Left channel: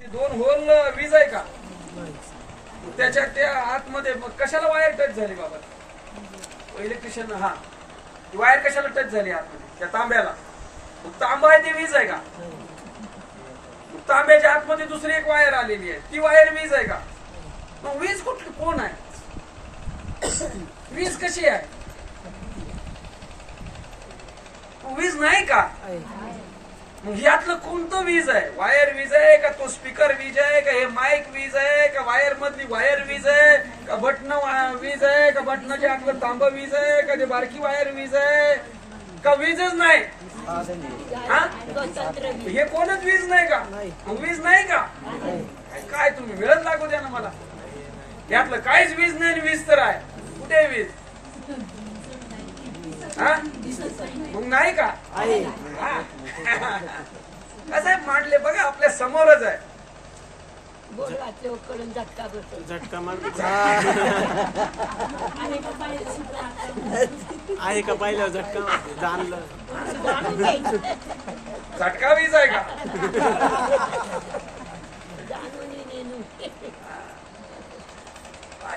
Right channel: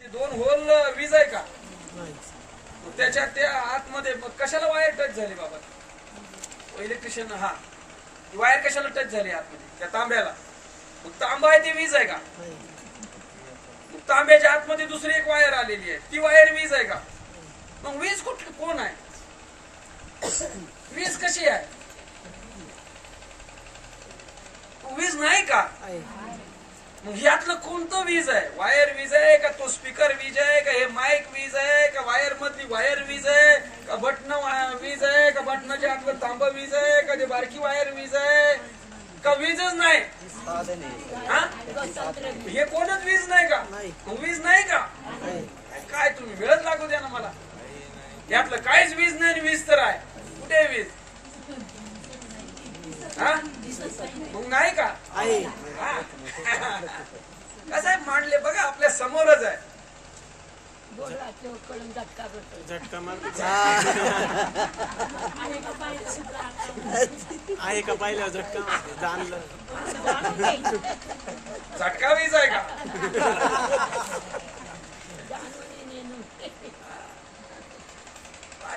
दोन होल वीज आहे का त्याच्या त्या आतमध्ये मग कशाला वायर टच झाली बाबा इलेक्ट्रिशियन हा वायर कशाला टच झाली आतमध्ये त्या तांब्याला मग तांबा आहे ती वीज आहे का मग तांब्याच्या आतमध्ये दुसरी एक वायर आलेली आहे ती वायर वीज आहे का मग वीज कुठली कोण आहे वीज कशी आहे वीज नाही का मग यातलं कोणतं वीज आहे वायर वीज आहे का तो स्पीकर वीज आहे का हे माईक वीज आहे का वायर मधली वायर वीज आहे का बटन वीज आहे का बटनाच्या आतलं तांब वीज आहे का ते बारकी वायर वीज आहे का वीजच नाही हे कोणच वीज नाही का मग वीज नाही का काय तुम्ही वेळच लागू द्या ना मला यातलं काहीच वीज नाही वीज तर आहे कुठे वीज मग नाही का कसं आहे मांडले बघा आपल्या समोरच आहे झटका मार आहे का पाहिलं झटका जाणलं झटका वीज आहे का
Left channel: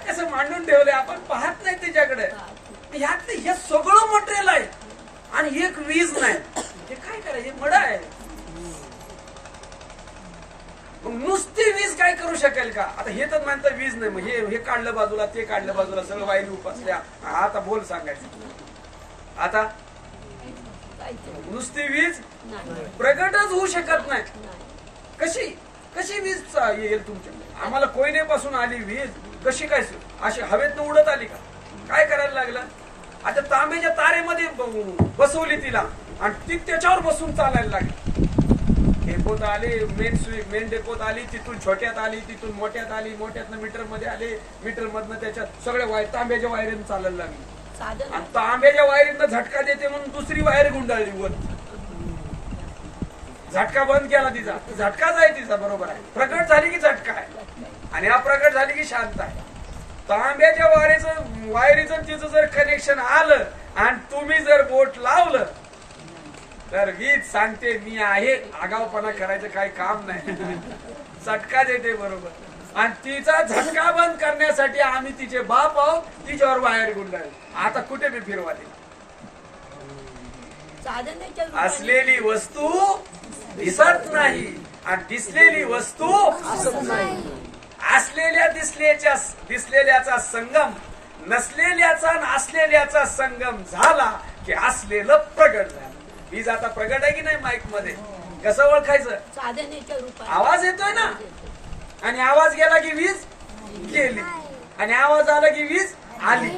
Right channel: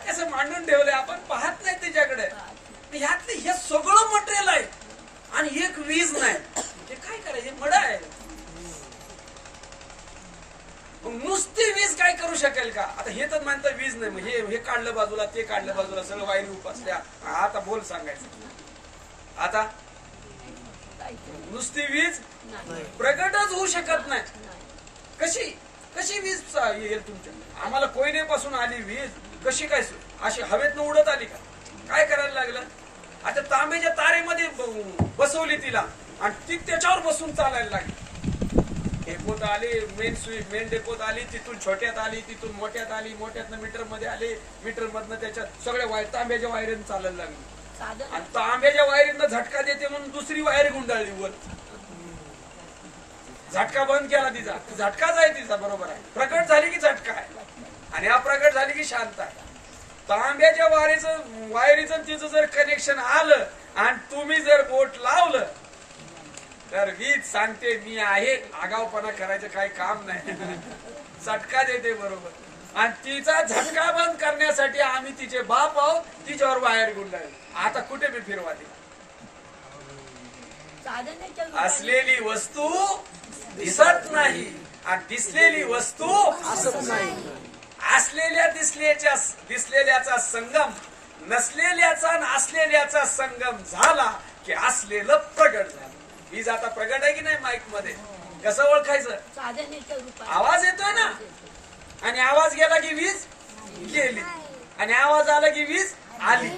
कसं मांडून ठेवले आपण पाहत नाही त्याच्याकडे ह्यातले हे सगळं मटेरियल आहे आणि एक वीज नाही हे काय करायचं हे मड आहे मग नुसती वीज काय करू शकेल का आता हे तर म्हणतं वीज नाही मग हे काढलं बाजूला ते काढलं बाजूला सगळं वायरी उपासल्या आता बोल सांगायचं आता नुसती वीज प्रगटच होऊ शकत नाही कशी कशी वीज येईल तुमच्या आम्हाला कोयनेपासून आली वीज कशी काय अशी हवेतनं उडत आली का काय करायला लागलं आता तांब्याच्या तारेमध्ये बसवली तिला आणि ती त्याच्यावर बसून चालायला लागली डेपोत आली मेन डेपोत आली तिथून छोट्यात आली तिथून मोठ्यात आली मोठ्यातनं मीटर मध्ये आली मीटर मधनं त्याच्यात सगळ्या तांब्याच्या वायरीनं चालायला लागली आणि तांब्याच्या वायरीनं झटका देते म्हणून दुसरी वायर गुंडाळली वर झटका बंद केला तिचा झटकाच आहे तिचा बरोबर आहे प्रकट झाली की झटका आहे आणि अप्रकट झाली की शांत आहे तांब्याच्या वायरीचं तिचं जर कनेक्शन आलं आणि तुम्ही जर बोट लावलं तर वीज सांगते मी आहे आगावपणा करायचं काही काम नाही झटका देते बरोबर आणि तिचा झटका बंद करण्यासाठी आम्ही तिचे बाप आहोत तिच्यावर वायर गुंडाळली आता कुठे बी फिरवा तिला असलेली वस्तू दिसत नाही आणि दिसलेली वस्तू असलेल्या दिसलेल्याचा संगम नसलेल्याचा आणि असलेल्याचा संगम झाला की असलेलं प्रगट झालं वीज आता प्रगट आहे की नाही माईक मध्ये कसं ओळखायचं आवाज येतोय ना आणि आवाज गेला की वीज गेली आणि आवाज आला की वीज आली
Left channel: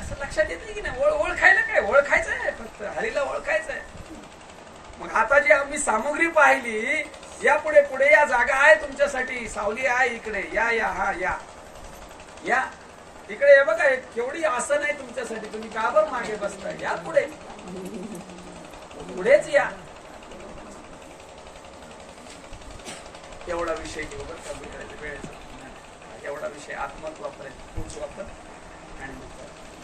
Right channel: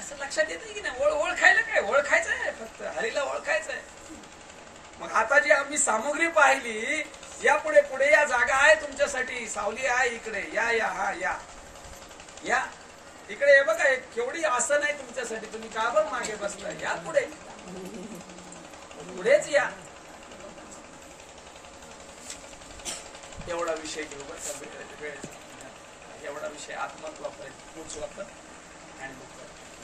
असं लक्षात येत की नाही ओळखायला काय ओळखायचं आहे फक्त हरीला ओळखायचं आहे मग आता जी आम्ही सामुग्री पाहिली या पुढे पुढे या जागा आहे तुमच्यासाठी सावली आहे इकडे या या हा या या इकडे हे बघा केवढी आसन आहे तुमच्यासाठी तुम्ही का बरं मागे बसताय या पुढे पुढेच या एवढा विषय घेऊ बरं का वेळेचा एवढा विषय आत्महत्व वापरायचं पुढच वापर आणि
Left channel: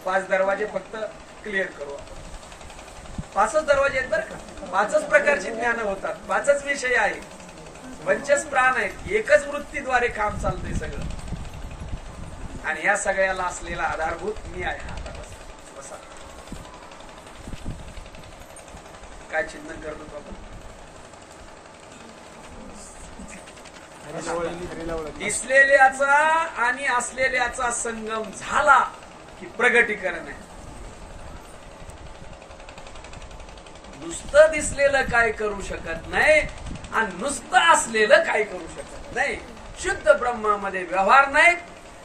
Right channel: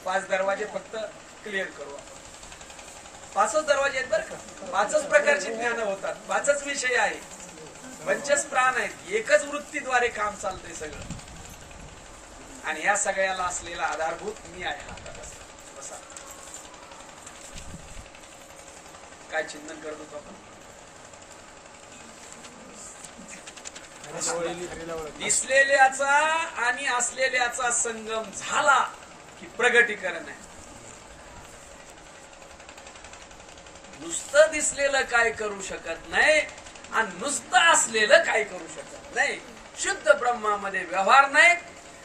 5 दरवाजे फक्त क्लिअर करू आपण 5च दरवाजे आहेत बरं का 5च प्रकारची ज्ञान होतात 5च विषय आहे 5च प्राण आहेत एकच वृत्तीद्वारे काम चालतंय सगळं आणि या सगळ्याला असलेला आधारभूत मी आहे आता बसा काय चिंतन करत होतो आपण दिसलेल्याचा आणि असलेल्याचा संगम झाला की प्रगटीकरण आहे नुसतं दिसलेलं काय करू शकत नाही आणि नुसतं असलेलं काय करू शकत नाही शुद्ध ब्रह्मामध्ये व्यवहार नाही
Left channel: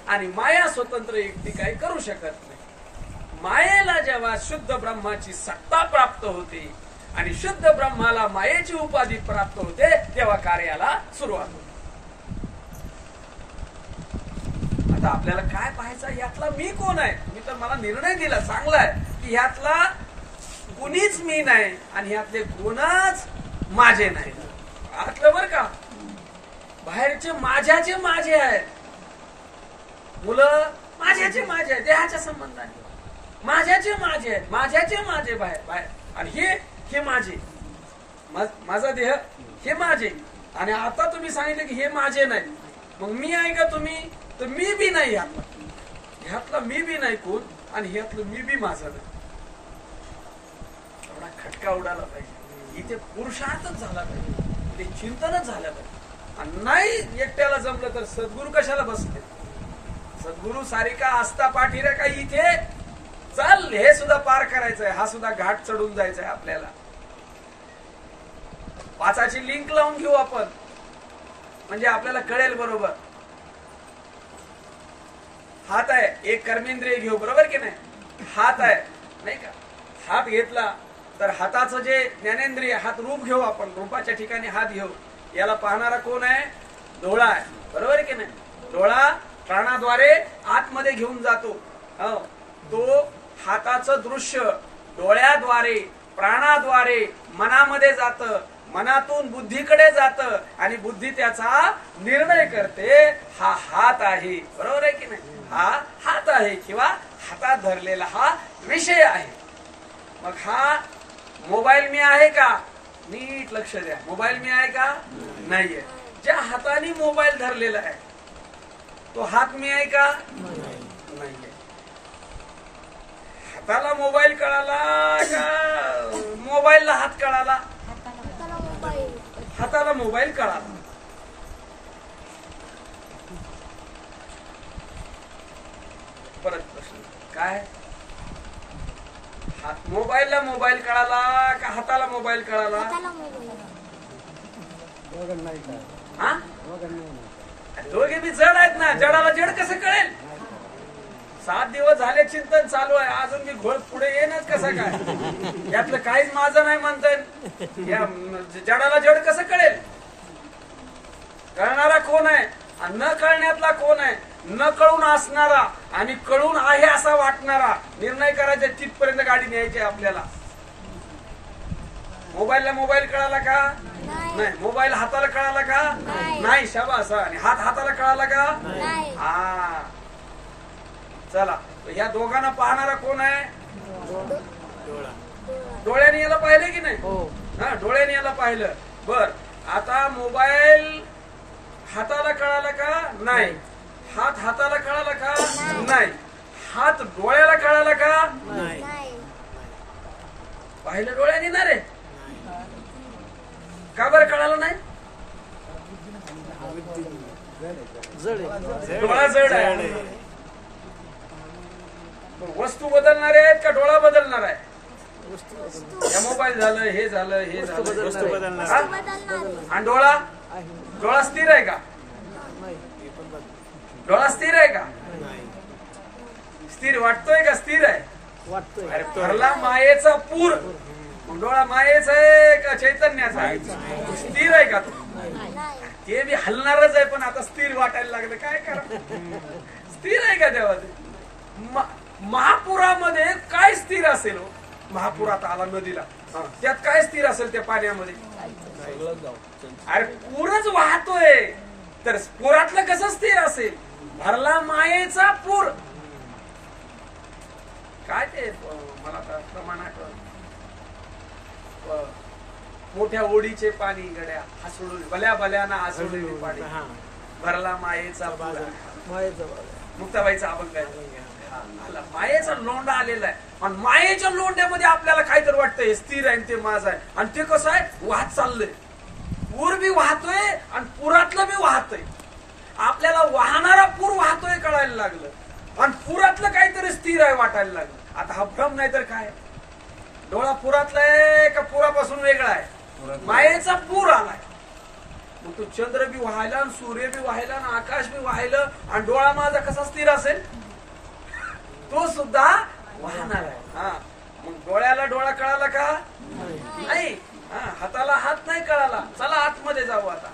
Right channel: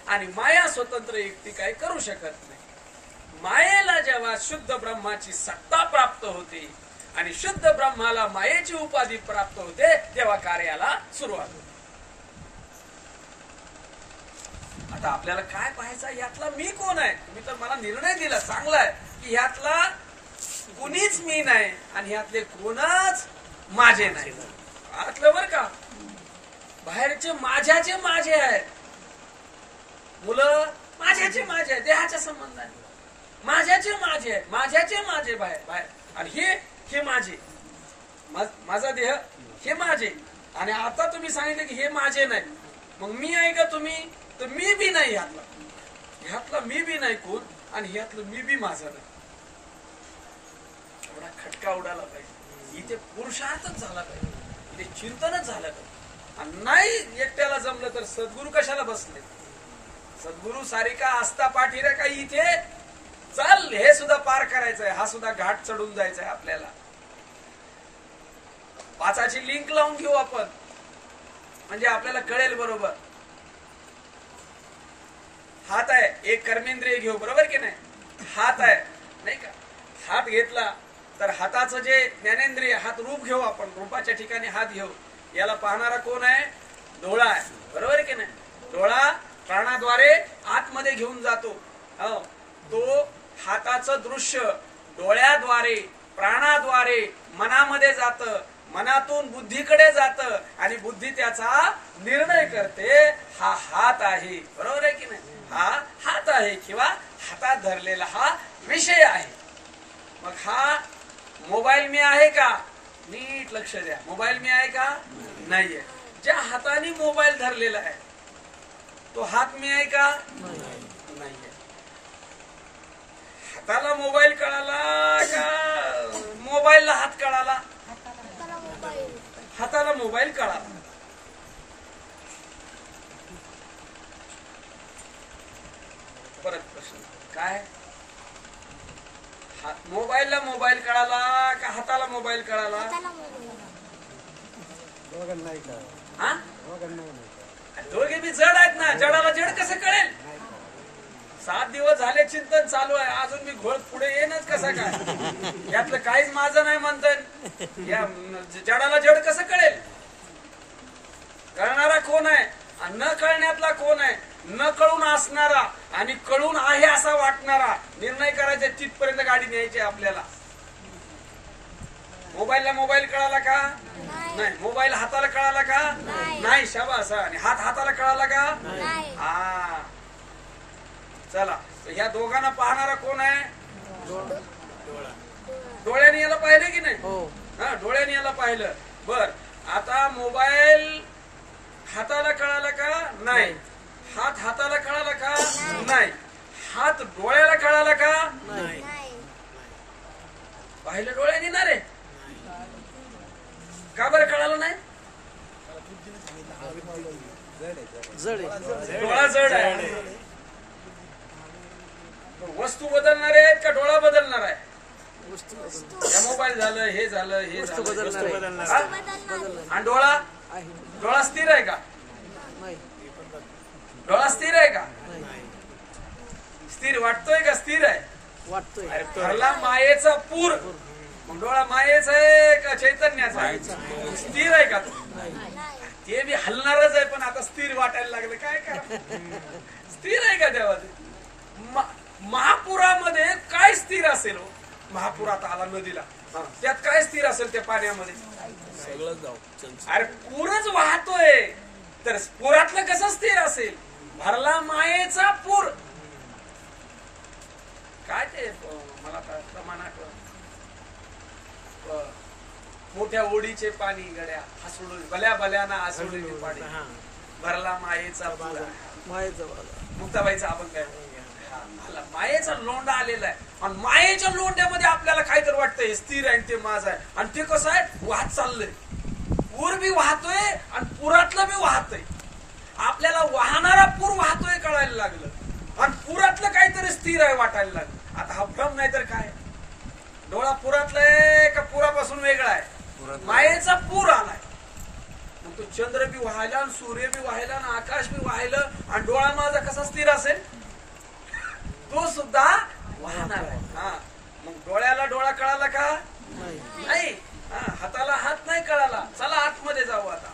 आणि माया स्वतंत्र एकटी काय करू शकत नाही मायेला जेव्हा शुद्ध ब्रह्माची सत्ता प्राप्त होते आणि शुद्ध ब्रह्माला मायेची उपाधी प्राप्त होते तेव्हा कार्याला सुरुवात होते आता आपल्याला काय पाहायचं यातला मी कोण आहे मी तर मला निर्णय दिला चांगला आहे की यातला कुणीच मी नाही आणि यातले कोणच माझे नाही आतलं बरं का बाहेरचे माझ्याचे माझे आहेत मुलं माझ्याचे माझे आहेत देहाच्या संबंधाने माझ्याचे माझे आहेत माझ्याचे माझे बाहेर बाहेर आणि हे माझे माझा देह हे माझे, आणि आता तुम्ही सांगितले की हे माझे नाही, मग मी आहे का तुम्ही? तर मी बी नाही ह्यातला मी बी नाही कोण, आणि ह्यातलं मी बी माझा नाही. एवढा खटका उडाला पाहिजे, इथे पुरुषार्थच झाला पाहिजे, ते चिंतनच झालं पाहिजे. आणि नाही एकट्याला जमलं तर सद्गुरू कशाला बसले? सद्गुरू सारिका आस्था पाठीरे काही इथे चाल, हे सुद्धा पार करायचंय, हा सुद्धा घाट चढून जायचंय आपल्याला. 5ची लिंक लावून घेऊ आपण, म्हणजे आपल्याला कळेल बरोबर. हात आहे, एक कर्मेंद्रिय घेऊ, बरोबर की नाही? हात आहे नाही का? हात घेतला तर हाताचं जे ज्ञानेंद्रिय, हात रूप घेऊ आपण, रूपाच्या ठिकाणी हात घेऊ. याला पाहणारा कोण आहे? डोळा आहे, बरोबर की नाही? डोळा प्राणाद्वारे आतमध्ये घेऊन जातो. तो हाताचं दृश्य डोळ्याद्वारे प्राणाद्वारे मनामध्ये जातं, मनातून बुद्धीकडे जातं, आणि बुद्धी त्याचा निर्णय करते. हा हात आहे, बरोबर आहे की नाही? हा हात आहे, किंवा हातात धरलेला हा विषय आहे. मग हा मोबाईल मी आहे का? नीट लक्ष द्या, मोबाईल मी आहे का? नाहीये. ज्या हाताने मोबाईल धरलेला आहे तो हात मी आहे का? नाहीये. हाताला मोबाईल कळाला का मोबाईलला हात कळाला? हाताला मोबाईल कळाला. परत प्रश्न काय? मोबाईलला मोबाईल कळाला का हाताला मोबाईल कळाला? हा, दोघे बी जड आहेत ना. जडाला जड कसं कळेल? 7 दिवस झाले चिंतन चालू आहे, अजून मी घोळ पुढे येणच कसं काय? यातलं काहीच माझं नाही म्हणतात. या जडाला जड कसं कळेल? कळणारा कोण आहे आणि न कळण्यातला कोण आहे? न कळून असणारा आणि कळून आहे असा वाटणारा. निर्णय करायचा तिथपर्यंत गाडी न्यायची आपल्याला. मोबाईलला मोबाईल कळाला का? नाही. मोबाईल हाताला कळाला का? नाही. शाबास. आणि हात हाताला कळाला का? हा. चला, या दोघांना पाहणारा कोण आहे? डोळ्याने याला पाहिलं की नाही? हा, डोळ्याने याला पाहिलं. बर, आता मोबाईल हाताला कळाला का? नाही. हात हाताला कळाला का? नाही. हात डोळ्याला कळाला का? पाहिलं डोळ्याने ना रे? का बरं कळालं नाही? डोळा जड आहे. वस्तू बदलणार आहेत का डोळा बदलणार आहे? या मोबाईल झालं, हे झालं, हे झालं, वस्तू बदलणार. आणि डोळा? डोळा स्थिर आहे का? डोळा स्थिर आहे का? स्थिर वाटतोय का स्थिर आहे? अरे भरला मायेचा पूर. मग डोळा मायेचा आहे का चैतन्याचा आहे? स्थिर आहे का तो? ते बी हलणारच आहे, पण आता स्थिर वाटायला लागलं, काय करा? स्थिर आहे का तेव्हा? महापुरामध्ये काय स्थिर असेल? महापुरात आला नदीला, त्यात काय स्थिर असेल त्या पाण्यामध्ये? अरे पूरच वाहतोय, तर पुरातलं कसं स्थिर असेल? भरला मायेचा पूर. काय ते मला प्रमाण आठवत, मोठ्या ओढीचे पाणी गड्या हसडून भल्या भल्याना हसडून पाणी. भरला मायेचा पूर. मुक्ताबाईचा अभंग आहे. मायेचा लोंढा आलेला आहे, आणि मायेच्या लोंढ्यामध्ये आपल्याला काहीतरी वाटतंय हे स्थिर आहे ते माझं आहे. आणि ते कसं आहे? वाहत चाललंय. पूर बी वाहतोय आणि पुरातलं बी वाहतोय. आपल्याला वाहणारा पूर वाहतोय कळायला लागलं, आणि पुरातलं काहीतरी स्थिर आहे वाटायला लागलं. आता हा भ्रम नाही तर काय? डोळा पुरातला आहे का पुरापासून वेगळा आहे? मायेचा पूर आलाय. मग तो चंद्र बी वाहायला आणि सूर्य बी वाहायला आणि आकाश बी वाहायला, आणि डोळा माझा कसा स्थिर असेल? तो सुद्धा वाहणार आहे. हा, मग डोळ्याला डोळा कळाला का? नाही. हाताला हात नाही कळाला. चला आतमध्ये जाऊ. आता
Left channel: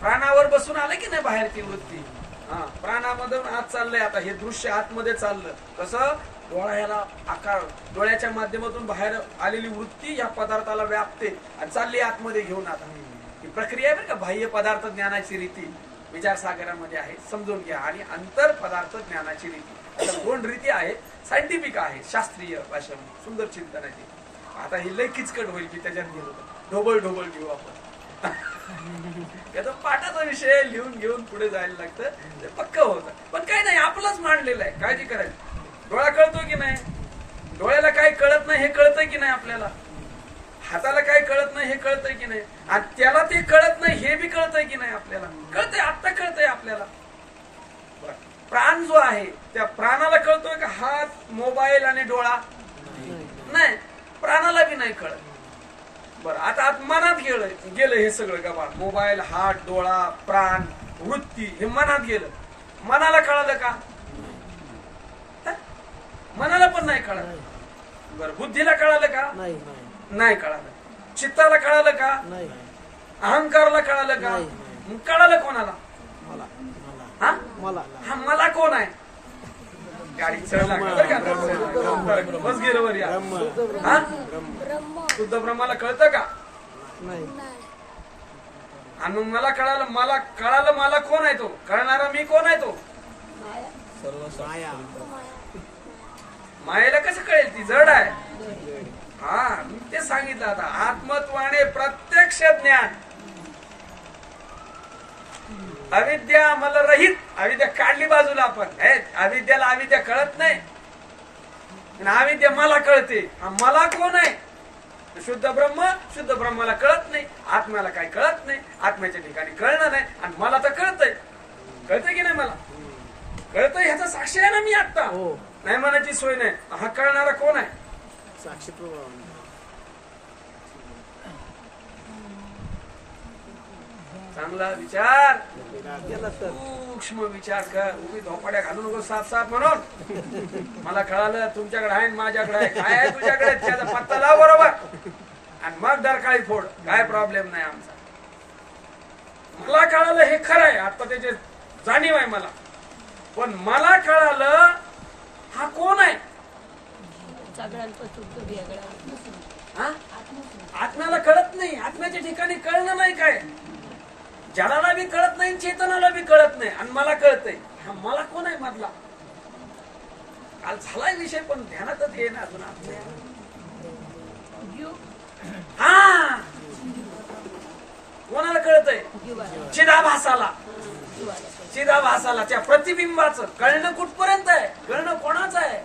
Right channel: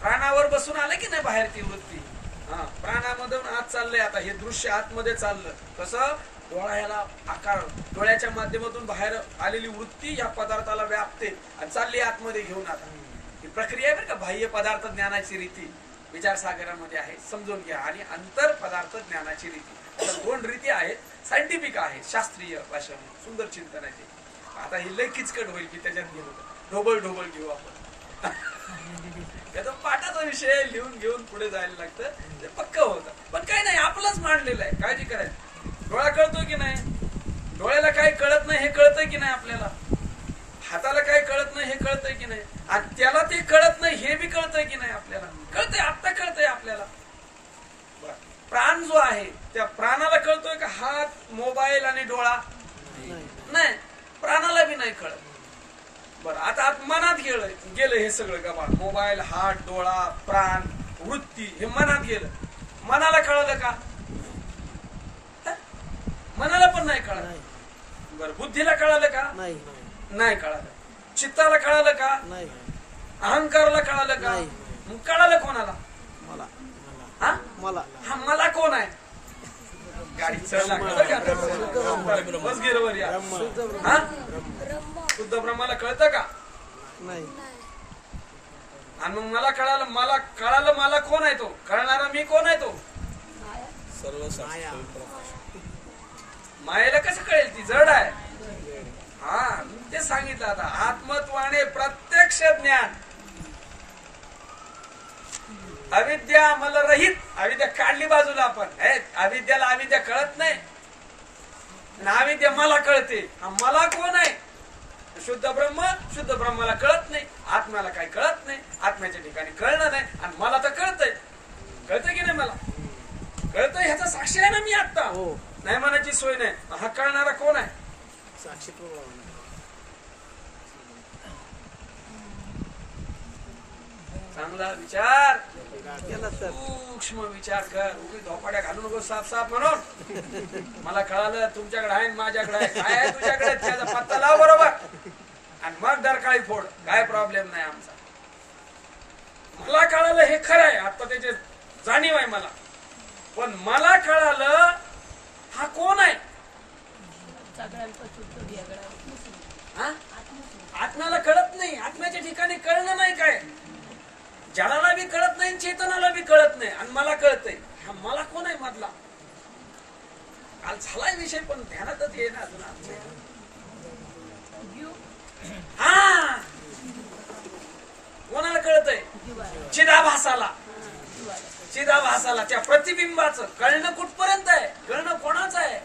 प्राणावर बसून आलं की नाही बाहेर ती वृत्ती? हा, प्राणामधून आत चाललंय. आता हे दृश्य आतमध्ये चाललं. कसं? डोळा ह्याला आकार, डोळ्याच्या माध्यमातून बाहेर आलेली वृत्ती या पदार्थाला व्यापते आणि चालली आतमध्ये घेऊन. आता ही प्रक्रिया आहे बरं का. बाह्य पदार्थ ज्ञानाची रीती विचारसागरामध्ये आहे, समजून घ्या. आणि अंतर पदार्थ ज्ञानाची रीती, अशा 2 रीती आहेत. सायंटिफिक आहे, शास्त्रीय भाषेमध्ये सुंदर चिंतन आहे. आता हे लय किचकट होईल की त्याच्यात गेलो ढोबळ ढोबळ घेऊ आपण. त्याचा पाठाचा विषय लिहून घेऊन पुढे जायला लागतं, ते पक्क होतं. पण काही नाही, आपलंच मांडलेलं आहे, काळजी करायची. डोळा कळतो की नाही? डोळ्याला काही कळत नाही हे कळतंय की नाही आपल्याला? हाताला काही कळत नाही हे कळतंय की नाही? आणि त्याला ते कळत नाही हे बी कळतंय की नाही आपल्याला? कळतंय, आत्ता कळतंय आपल्याला. प्राण जो आहे त्या प्राणाला कळतोय का हात, मोबाईल आणि डोळा? नाही, प्राणाला बी नाही कळत. बरं, आता आत मनात गेलं हे सगळं का बा, मोबाईल, हात, डोळा, प्राण, वृत्ती हे मनात गेलं. मनाला कळालं का? मनाला पण नाही कळालं. बरं, बुद्धीला कळालं का? नाही कळालं. चित्ताला कळालं का? अहंकाराला कळालं का? मग कळालं कोणाला? हा मला कोण आहे? गाडी बस गेलं या. हा, शुद्ध ब्रह्माला कळतं का? आणि मग मला कळालं मला कोण आहे तो? कळणारा मी कोण आहे तो? मायेला कसं कळेल? ती जड आहे. हा, मी ते सांगितलं. आता आत्मत्वाने प्रत्यक्ष ज्ञान, अविद्या मला रहित, अविद्या काढली बाजूला आपण. अविद्याला अविद्या कळत नाही, अविद्या मला कळते. मला कोण आहे? शुद्ध ब्रह्माला कळत नाही, आत्म्याला काही कळत नाही, आत्म्याच्या ठिकाणी कळणार नाही. आणि मला तर कळतंय की नाही? मला कळतंय, ह्याचा साक्षी आहे ना मी आता. नाही म्हणायची सोय नाही. हा कळणारा कोण आहे? साक्षी प्रभाव. चांगला विचार, सूक्ष्म विचार कर. उभी धोपाड्या घालू नको साफ म्हणून. मला कळालं तुमच्याकडे आहे, माझ्याकडे आहे. काय आहे तुझ्याकडे? त्याचा पत्ता लाव बरोबर, आणि मग डरकाळी फोड. काय प्रॉब्लेम नाही आमचा. मला कळालं हे खरं आहे, आता त्याचे जाणीव आहे मला. पण मला कळालं हा कोण आहे? आत्म्याला कळत नाही, आत्म्याच्या ठिकाणी कळणं नाही. काय जलाला बी कळत नाही, चेतनाला बी कळत नाही, आणि मला कळतंय. हा मला कोण आहे मधला? काल झालाय विषय पण ध्यानातच येईना अजून आमच्या. हा, कोणाला कळतंय? चिदाभासाला, त्या प्रतिबिंबाचं कळणं कुठपर्यंत आहे? कळणं कोणाचं आहे?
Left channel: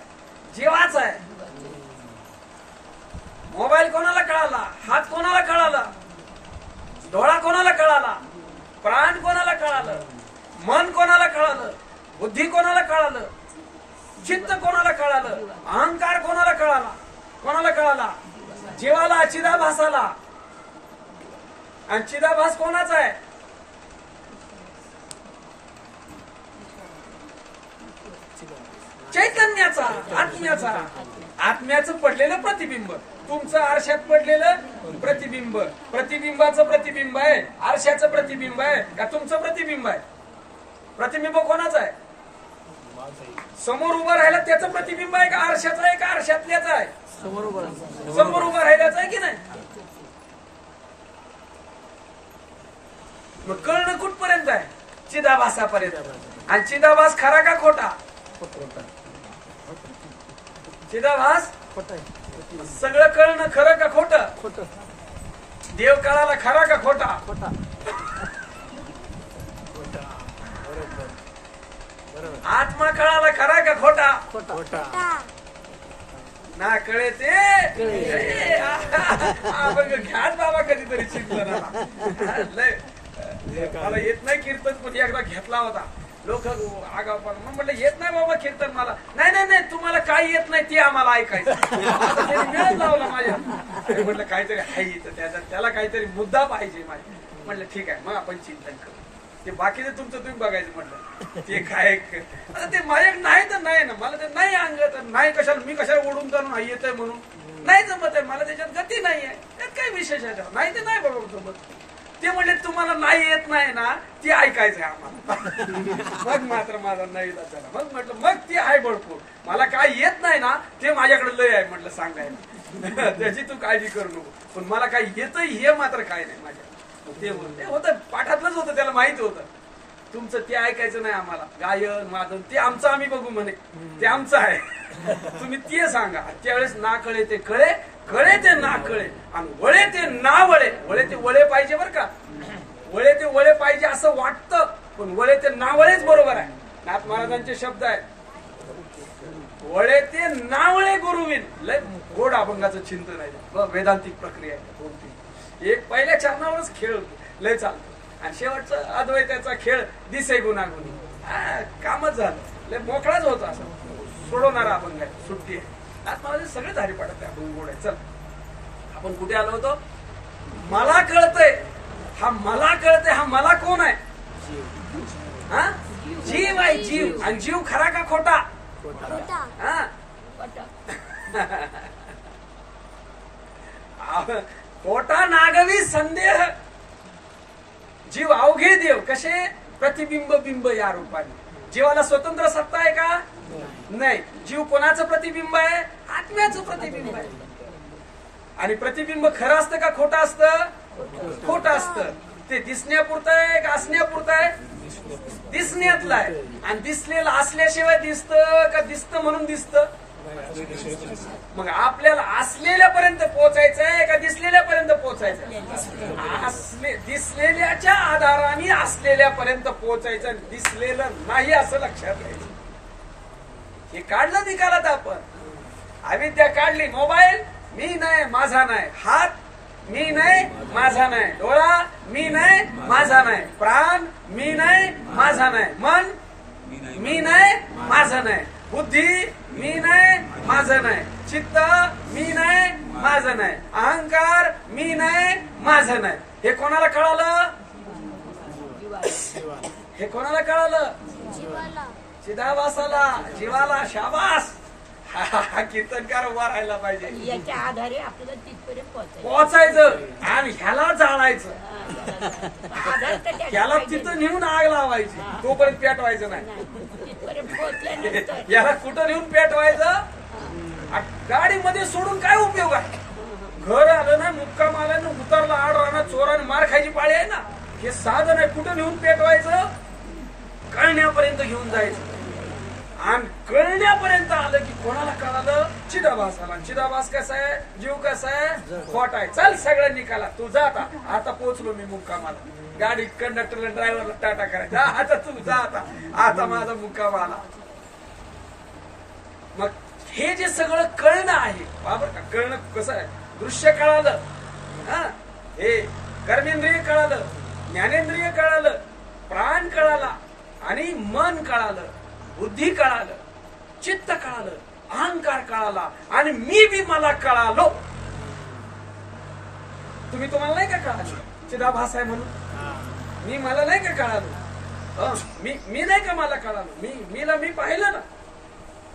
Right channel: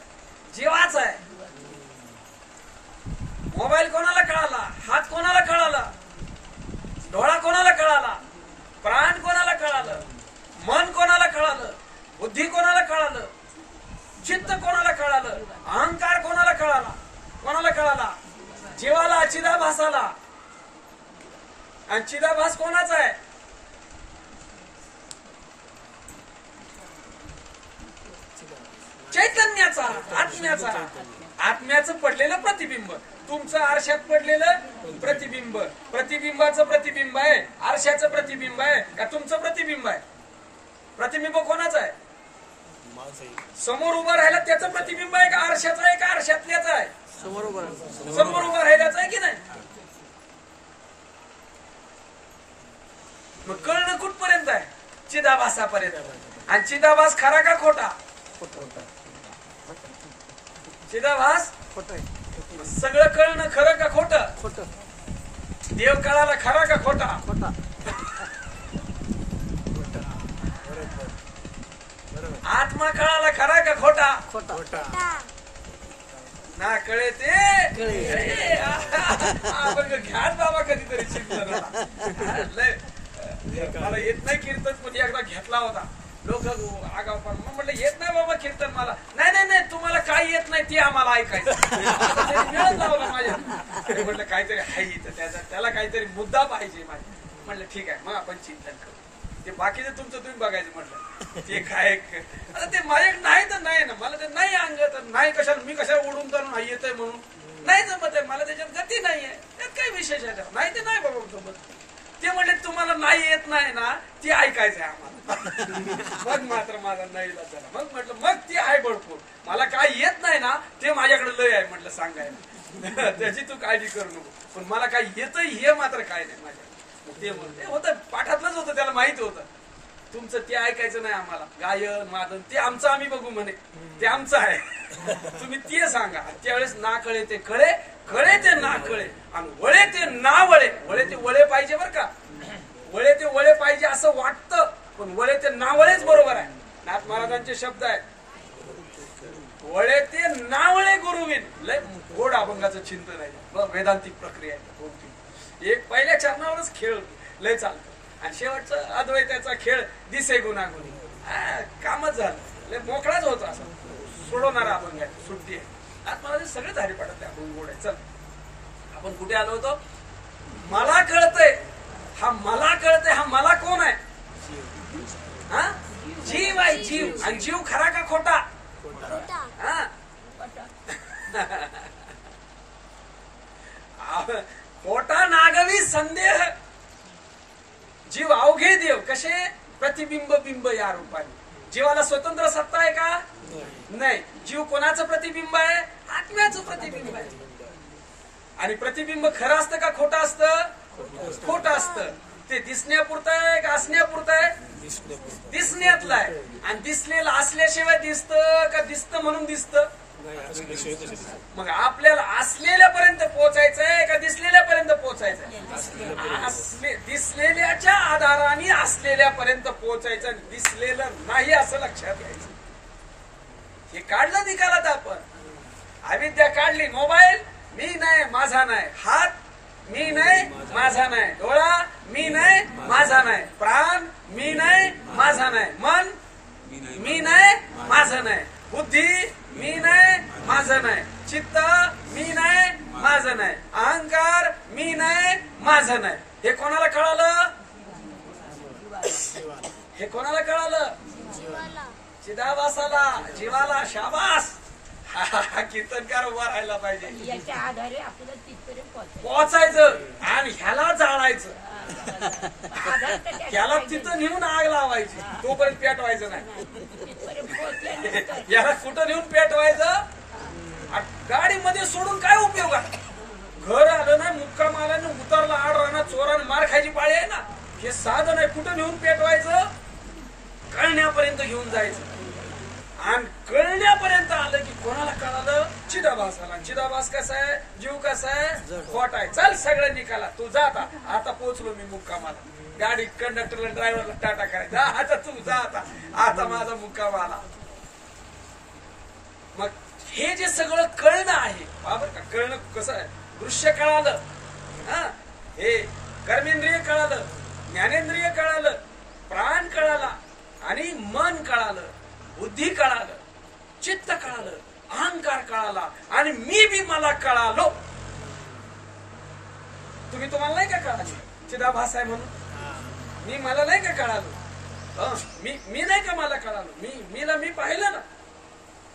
जीवाचं आहे. मोबाईल कोणाला कळाला? हात कोणाला कळाला? डोळा कोणाला कळाला? प्राण कोणाला कळालं? मन कोणाला कळालं? बुद्धी कोणाला कळालं? चित्त कोणाला कळालं? अहंकार कोणाला कळाला? जीवाला, चिदाभासाला. आणि चिदाभास कोणाचा आहे? चैतन्याचा, आत्म्याचा. आत्म्याचं पडलेलं प्रतिबिंब, तुमचं आरशात पडलेलं प्रतिबिंब. प्रतिबिंबाचं प्रतिबिंब आहे, आरशाचं प्रतिबिंब आहे का तुमचं प्रतिबिंब आहे? प्रतिबिंब कोणाचं आहे? समोर उभं राहिला त्याचं प्रतिबिंब आहे का आरशाचं आहे का आरशातल्याचं आहे? समोर उभं राहिल्याचं आहे की नाही? मग कळणं कुठपर्यंत आहे? चिदाभासापर्यंत. आणि चिदाभास खरा का खोटा? चिदाभास सगळं कळणं खरं का खोटं? देव कळाला खरा का खोटा? आत्मा कळाला खरा का खोटा? ना कळे ते घ्याच बाबा कधीतरी चिंतनाला. मला येत नाही कीर्तन, पण एकदा घेतला होता. लोक आगाव पण म्हटलं येत नाही बाबा कीर्तन मला. नाही तुम्हाला काही येत नाही ते आम्हाला ऐकायचं. मिळत लावला माझ्या. म्हटलं काहीतरी आहे त्याला काहीतरी मुद्दा पाहिजे माझ्या. म्हटलं ठीक आहे, मग आपण चिंतन करू. ते बाकीचं तुमचं तुम्ही बघायचं. म्हटलं ते काय आता ते माझ्याकडे नाही तर नाही ना, मला ते नाही अंग तर नाही. कशाला मी कशाला ओढून जाणून येतंय म्हणून नाही जमत आहे मला. त्याच्यात गती नाही आहे, त्यात काही विशेष आहे नाही ते नाही बरोबर सोबत. ते म्हणले तुम्हाला नाही येत नाही ना, ते ऐकायचंय आम्हाला. मग मात्र माझा नाही झाला. मग म्हटलं मग ते आहे भरपूर. मला काय येत नाही ना, ते माझ्याकडे लय आहे म्हटलं सांगायला. त्याची तू काळजी करू नको. पण मला काय येतंय हे मात्र काय नाही माझ्या. ते होतं पाठातलंच होतं, त्याला माहिती होतं. तुमचं ते ऐकायचं नाही आम्हाला. गायन वादन ते आमचं आम्ही बघू म्हणे, ते आमचं आहे. तुम्ही ते सांगा. त्यावेळेस ना कळे ते कळे, कळे ते ना कळे आणि वळे ते ना वळे. वळे ते वळे पाहिजे बरं का, वळे ते वळे पाहिजे असं वाटतं, पण वळे ते ना वळेच बरोबर आहे. नाथ महाराजांचे शब्द आहेत, वळे ते नावळे गुरुविन. लय गोड अभंगाचं चिंतन आहे, वेदांतिक प्रक्रिया आहे. 2-3 एक पहिल्या चरणावरच खेळ लय चालतो आणि शेवटचा अद्वैताचा खेळ दिसे गुणागुणी. कामच झालं, लय मोकळाच होतो असं सोडवणारा अभंग आहे, सुट्टी आहे. नाथ महाराज सगळे धारी पाडत आहे, अभंग गोड आहे. चल आपण कुठे आलो होतो? मला कळतंय, हा मला कळतंय, हा मला कोण आहे? हा जीव आहे, जीव. आणि जीव खरा का खोटा? हा खोटा नागवी संदेह. जीव अवघे देव कसे? प्रतिबिंब बिंब या रूपाने. जीवाला स्वतंत्र सत्ता आहे का? नाही. जीव कोणाचं प्रतिबिंब आहे? आत्म्याचं प्रतिबिंब आहे. आणि प्रतिबिंब खरं असतं का खोटं असतं? खोटं असतं. ते दिसण्यापुरतं आहे का असण्यापुरतं आहे? दिसण्यातलं आहे. आणि दिसलेलं असल्याशिवाय दिसतं का दिसतं म्हणून दिसतं? मग आपल्याला असलेल्यापर्यंत पोहोचायचंय का दिसलेल्यापर्यंत पोहोचायचंय? दिसलेल्याच्या आधाराने असलेल्यापर्यंत पोहोचायचं. दिसलेलं नाही असं लक्षात घ्यायचं. हे काढलं निकालात आपण. अविद्या काढली. मोबाईल मी नाही माझा नाही, हात मी नाही माझा नाही, डोळा मी नाही माझा नाही, प्राण मी नाही माझा नाही, मन मी नाही माझं नाही, बुद्धी मी नाही माझं नाही, चित्त मी नाही माझं नाही, अहंकार मी नाही माझं नाही. हे कोणाला कळालं? हे कोणाला कळालं? चिदाभासाला, जीवाला. शाबास. हा कीर्तनकार उभा राहायला पाहिजे. याच्या आधारे आपल्याला तिथपर्यंत पोहोचायचं आणि ह्याला जाळायचं. ह्याला तिथं नेऊन आग लावायची, तोपर्यंत पेटवायचं नाही. याला कुठं नेऊन पेटवायचं? गाडीमध्ये सोडून काय उपयोग आहे? घर आलं ना, मुक्काम आला ना, उतरला आड राहणार, चोराने मार खायची पाळी आहे ना. हे साधन आहे. कुठं नेऊन पेटवायचं? कळण्यापर्यंत घेऊन जायचं. आणि कळण्यापर्यंत आलं की कोणाला कळालं? चिदाभास आला. चिदाभास कसा आहे? जीव कसा आहे? खोटा आहे. चल सगळं निकाला. तू जा आता. आता पोहोचलो मी मुक्कामाला. गाडी कंडक्टरला ड्रायव्हरला टाटा करायचा. आता तू जा आता. आता माझा मुक्काम आला. मग हे जे सगळं कळणं आहे, बरोबर का? कळणं कसं आहे? दृश्य कळालं, हा, हे कर्मेंद्रिय कळालं, ज्ञानेंद्रिय कळालं, प्राण कळाला आणि मन कळालं, बुद्धी कळालं, चित्त कळालं, अहंकार कळाला आणि मी बी मला कळालो. तुम्हाला नाही का कळालो? चिदाभास आहे म्हणून मी मला नाही का कळालो? मी नाही का मला कळालो? मीला मी पाहिलं ना.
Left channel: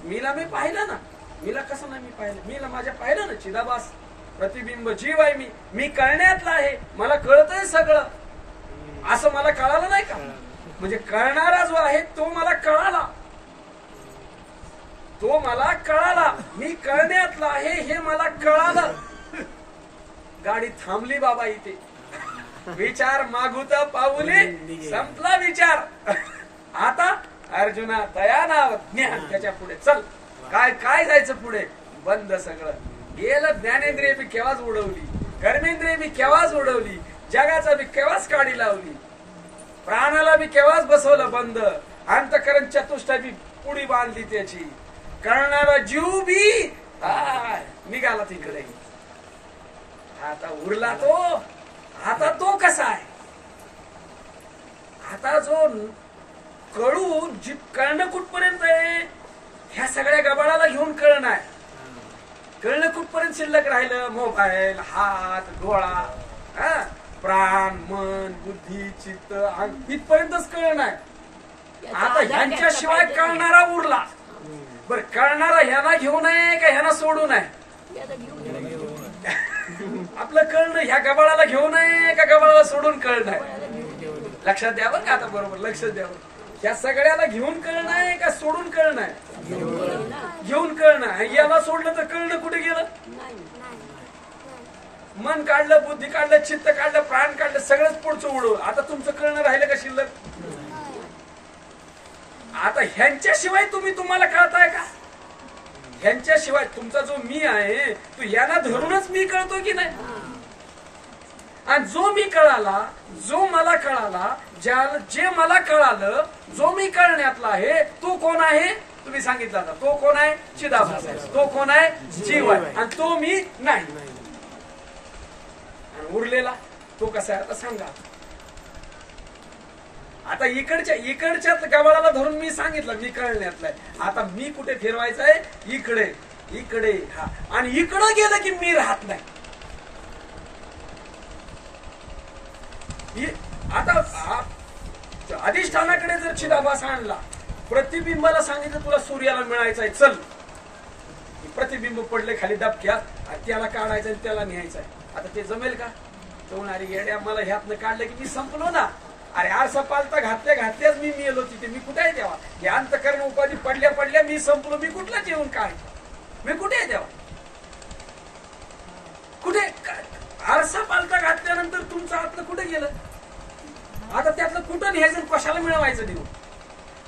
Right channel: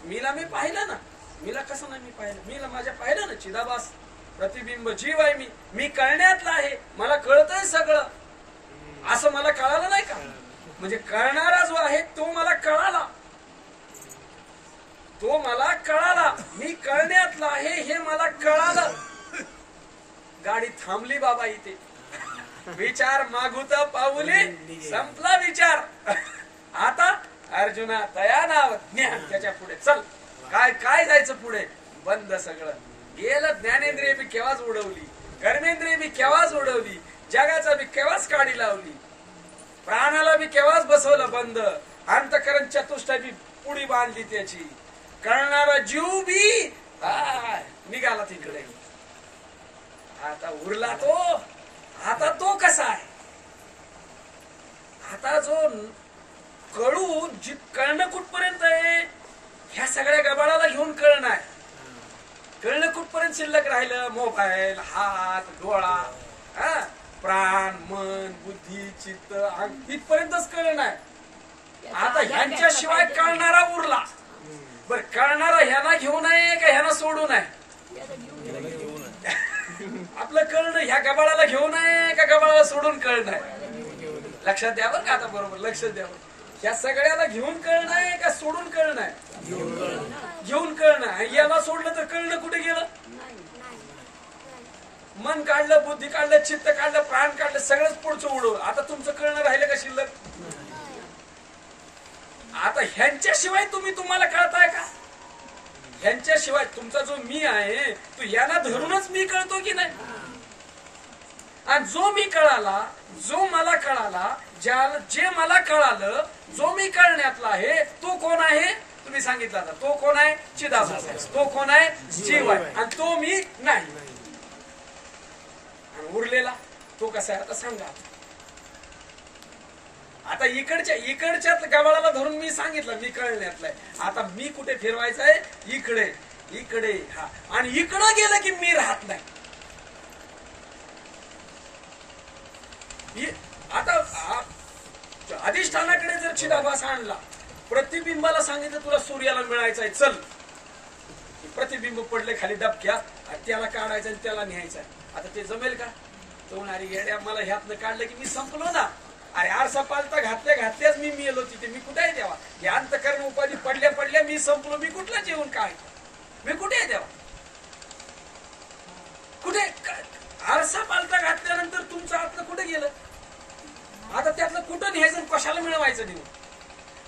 मीला मी पाहिलं ना. मीला कसं नाही मी पाहिलं? मीला माझ्या पाहिलं ना. चिदाभास प्रतिबिंब जीव आहे. मी कळण्यातला आहे. मला कळतंय सगळं. असं मला कळालं नाही का? म्हणजे कळणारा जो आहे तो मला कळाला. तो मला कळाला. मी कळण्यातला आहे हे मला कळालं. गाडी थांबली बाबा इथे. विचार मागुता पाऊली संपला विचार. आता अर्जुना तया नाव ज्ञान. त्याच्या पुढे चल. काय जायचं पुढे? बंद सगळं. गेलं. ज्ञानेंद्रिय बी केव्हाच उडवली, कर्मेंद्रिय बी केव्हाच उडवली, जगाचा बी केव्हाच काढी लावली, प्राणाला बी केव्हाच बसवलं बंद, अंतकरण चतुष्टय बी पुढी बांधली त्याची. कळणारा जीव बी निघाला तिकडे. आता उरला तो. आता तो कसा आहे? आता जो कळून कळणं कुठपर्यंत आहे? ह्या सगळ्या गबाळाला घेऊन कळणं आहे. कळणं कुठपर्यंत शिल्लक राहिलं? मोबाईल, हात, डोळा, प्राण, मन, बुद्धी, चित्त, इथपर्यंतच कळणं आहे. आता ह्यांच्याशिवाय कळणारा उरला. बर, कळणारा ह्याला घेऊन आहे का ह्याला सोडून आहे? आपलं कळणं ह्या गबाळाला घेऊन आहे का गबाळाला सोडून कळणं आहे? लक्षात द्यावं का? आता बरोबर लक्षात द्यावं. ह्या सगळ्याला घेऊन कळणं आहे का सोडून कळणं आहे? घेऊन कळणं आहे. याला सोडलं तर कळणं कुठे गेलं? मन काढलं, बुद्धी काढलं, चित्त काढलं, प्राण काढलं, सगळंच पुढचं उडवलं. आता तुमचं कळणं राहिलं का शिल्लक? आता ह्यांच्याशिवाय तुम्हाला कळताय का? ह्यांच्याशिवाय तुमचा जो मी आहे तो याला धरूनच मी कळतो की नाही. आणि जो मी कळाला, जो मला कळाला, जे मला कळालं, जो मी कळण्यातला आहे तो कोण आहे तुम्ही सांगितलं आता. तो कोण आहे? चिदाभास आहे. तो कोण आहे? जीव आहे. आणि तो मी नाही. आणि उरलेला तो कसा आहे आता सांगा. आता इकडच्याच गबाळाला धरून मी सांगितलं मी कळण्यातलाय. आता मी कुठे फिरवायचं आहे? इकडे इकडे. हा, आणि इकडं गेलं की मी राहत नाही. आता अधिष्ठानाकडे जर चिदाभास आणला, प्रतिबिंबाला सांगितलं तुला सूर्याला मिळायचंय, चल. प्रतिबिंब पडले खाली डबक्यात आणि त्याला काढायचं आणि त्याला न्यायचंय. आता ते जमेल का? तो अरे येड्या, मला ह्यातनं काढलं की मी संपलो ना. अरे आरसा पालता घातल्याच मी मेलो तिथे. मी कुठे आहे तेव्हा? हे अंतकरण उपाधी पडल्या मी संपलो. मी कुठलाच येऊन काय? मी कुठे आहे तेव्हा? कुठे? आरसा पालता घातल्यानंतर तुमचं आतलं कुठे गेलं? आता त्यातलं कुठं न्यायचं, कशाला मिळवायचं देऊ?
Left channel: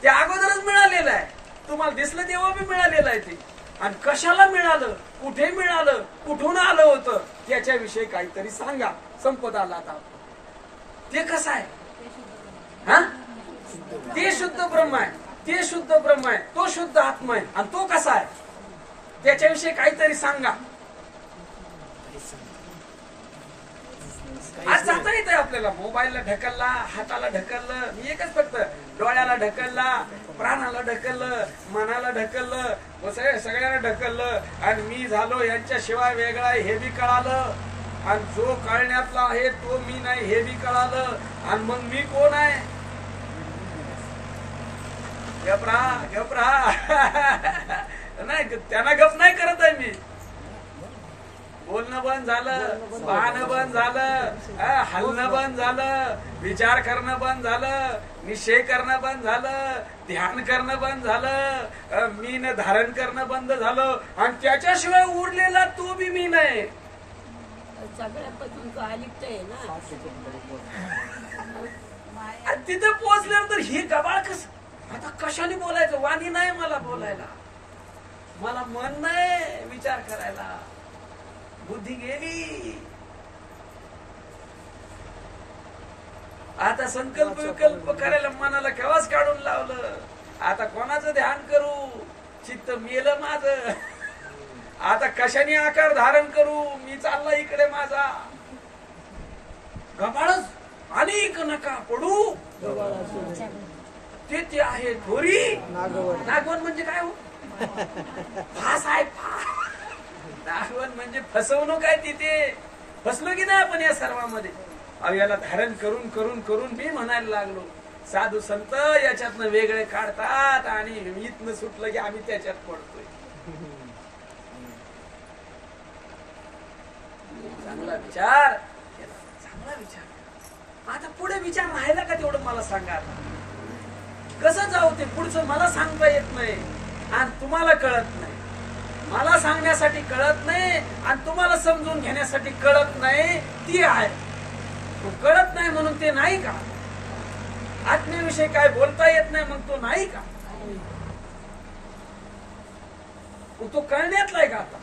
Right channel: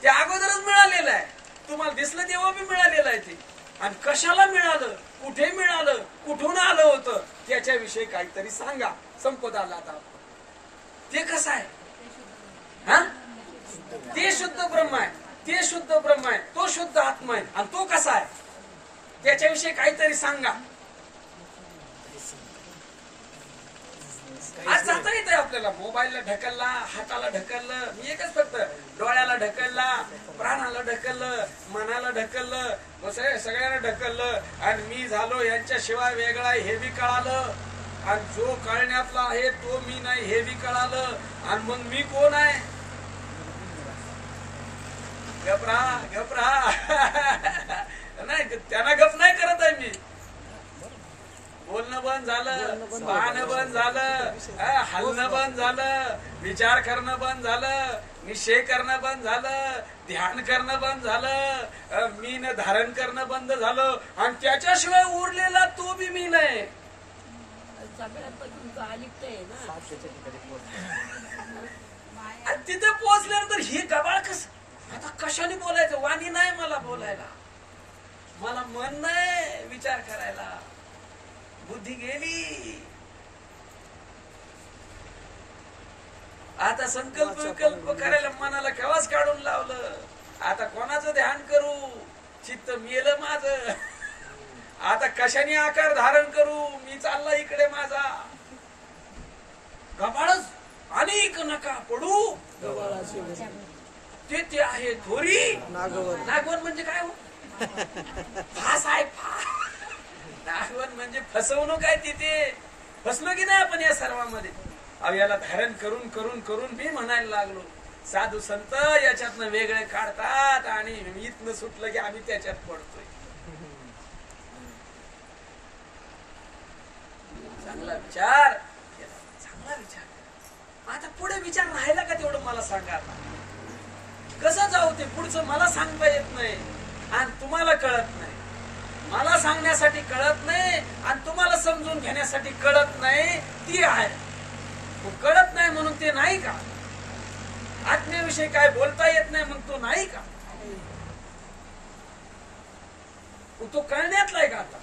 ते अगोदरच मिळालेलं आहे. तुम्हाला दिसलं तेव्हा बी मिळालेलं आहे ते. आणि कशाला मिळालं, कुठे मिळालं, कुठून आलं होतं त्याच्याविषयी काहीतरी सांगा. संपत आला आता. ते कसं आहे? हा, ते शुद्ध ब्रह्म आहे. ते शुद्ध ब्रह्म आहे. तो शुद्ध आत्मा आहे. आणि तो कसा आहे त्याच्याविषयी काहीतरी सांगा. आज जाता येत आहे आपल्याला. मोबाईलला ढकलला, हाताला ढकललं, मी एकच फक्त डोळ्याला ढकलला, प्राणाला ढकललं, मनाला ढकललं, सगळ्यांना ढकललं. आणि मी झालो यांच्याशिवाय वेगळा हे बी कळालं. आणि जो कळण्यातला आहे तो मी नाही हे बी कळालं. आणि मग मी कोण आहे? गप राहा नाही, त्यांना गप नाही करत आहे मी. बोलणं बंद झालं, पाहणं बंद झालं, हलणं बंद झालं, विचार करणं बंद झालं, निश्चय करणं बंद झालं, ध्यान करणं बंद झालं, मीन धारण करणं बंद झालं. आणि त्याच्याशिवाय उरलेला तो बी मी नाही. सगळ्यापासून तो अलिप्त आहे ना. आणि तिथे पोहोचल्यानंतर ही गबाळ कस आता कशाने बोलायचं? वाणी नाही मला बोलायला, मला मन नाही विचार करायला, बुद्धी गेली. आता संकल्प विकल्प करायला मनाला केव्हाच काढून लावलं. आता कोणाचं ध्यान करू? चित्त मेलं माझं. आता कशाने आकार धारण करू? मी चालला इकडे माझा. गबाळच अनेक नका पडू ते आहे थोरी. नागवन म्हणजे काय हो? फास आहे. नागवन म्हणजे फसवणूक आहे. तिथे फसलो की नाही आपण या सर्वांमध्ये. अहो याला धारण करून करून करून मी म्हणायला लागलो. साधू संत याच्यातनं वेगळे काढतात आणि इथनं सुटलं की आम्ही त्याच्यात पडतोय. चांगला विचार केला, चांगला विचार केला. आता पुढे विचार राहिला का तेवढं मला सांगा. आता कसं जाऊ ते पुढचं मला सांगता येत नाही आणि तुम्हाला कळत नाही. मला सांगण्यासाठी कळत नाही आणि तुम्हाला समजून घेण्यासाठी कळत नाही. ती आहे कळत नाही म्हणून ते नाही का? आत्म्याविषयी काय बोलता येत नाही मग तो नाही का? तो कळण्यातला आहे का? आता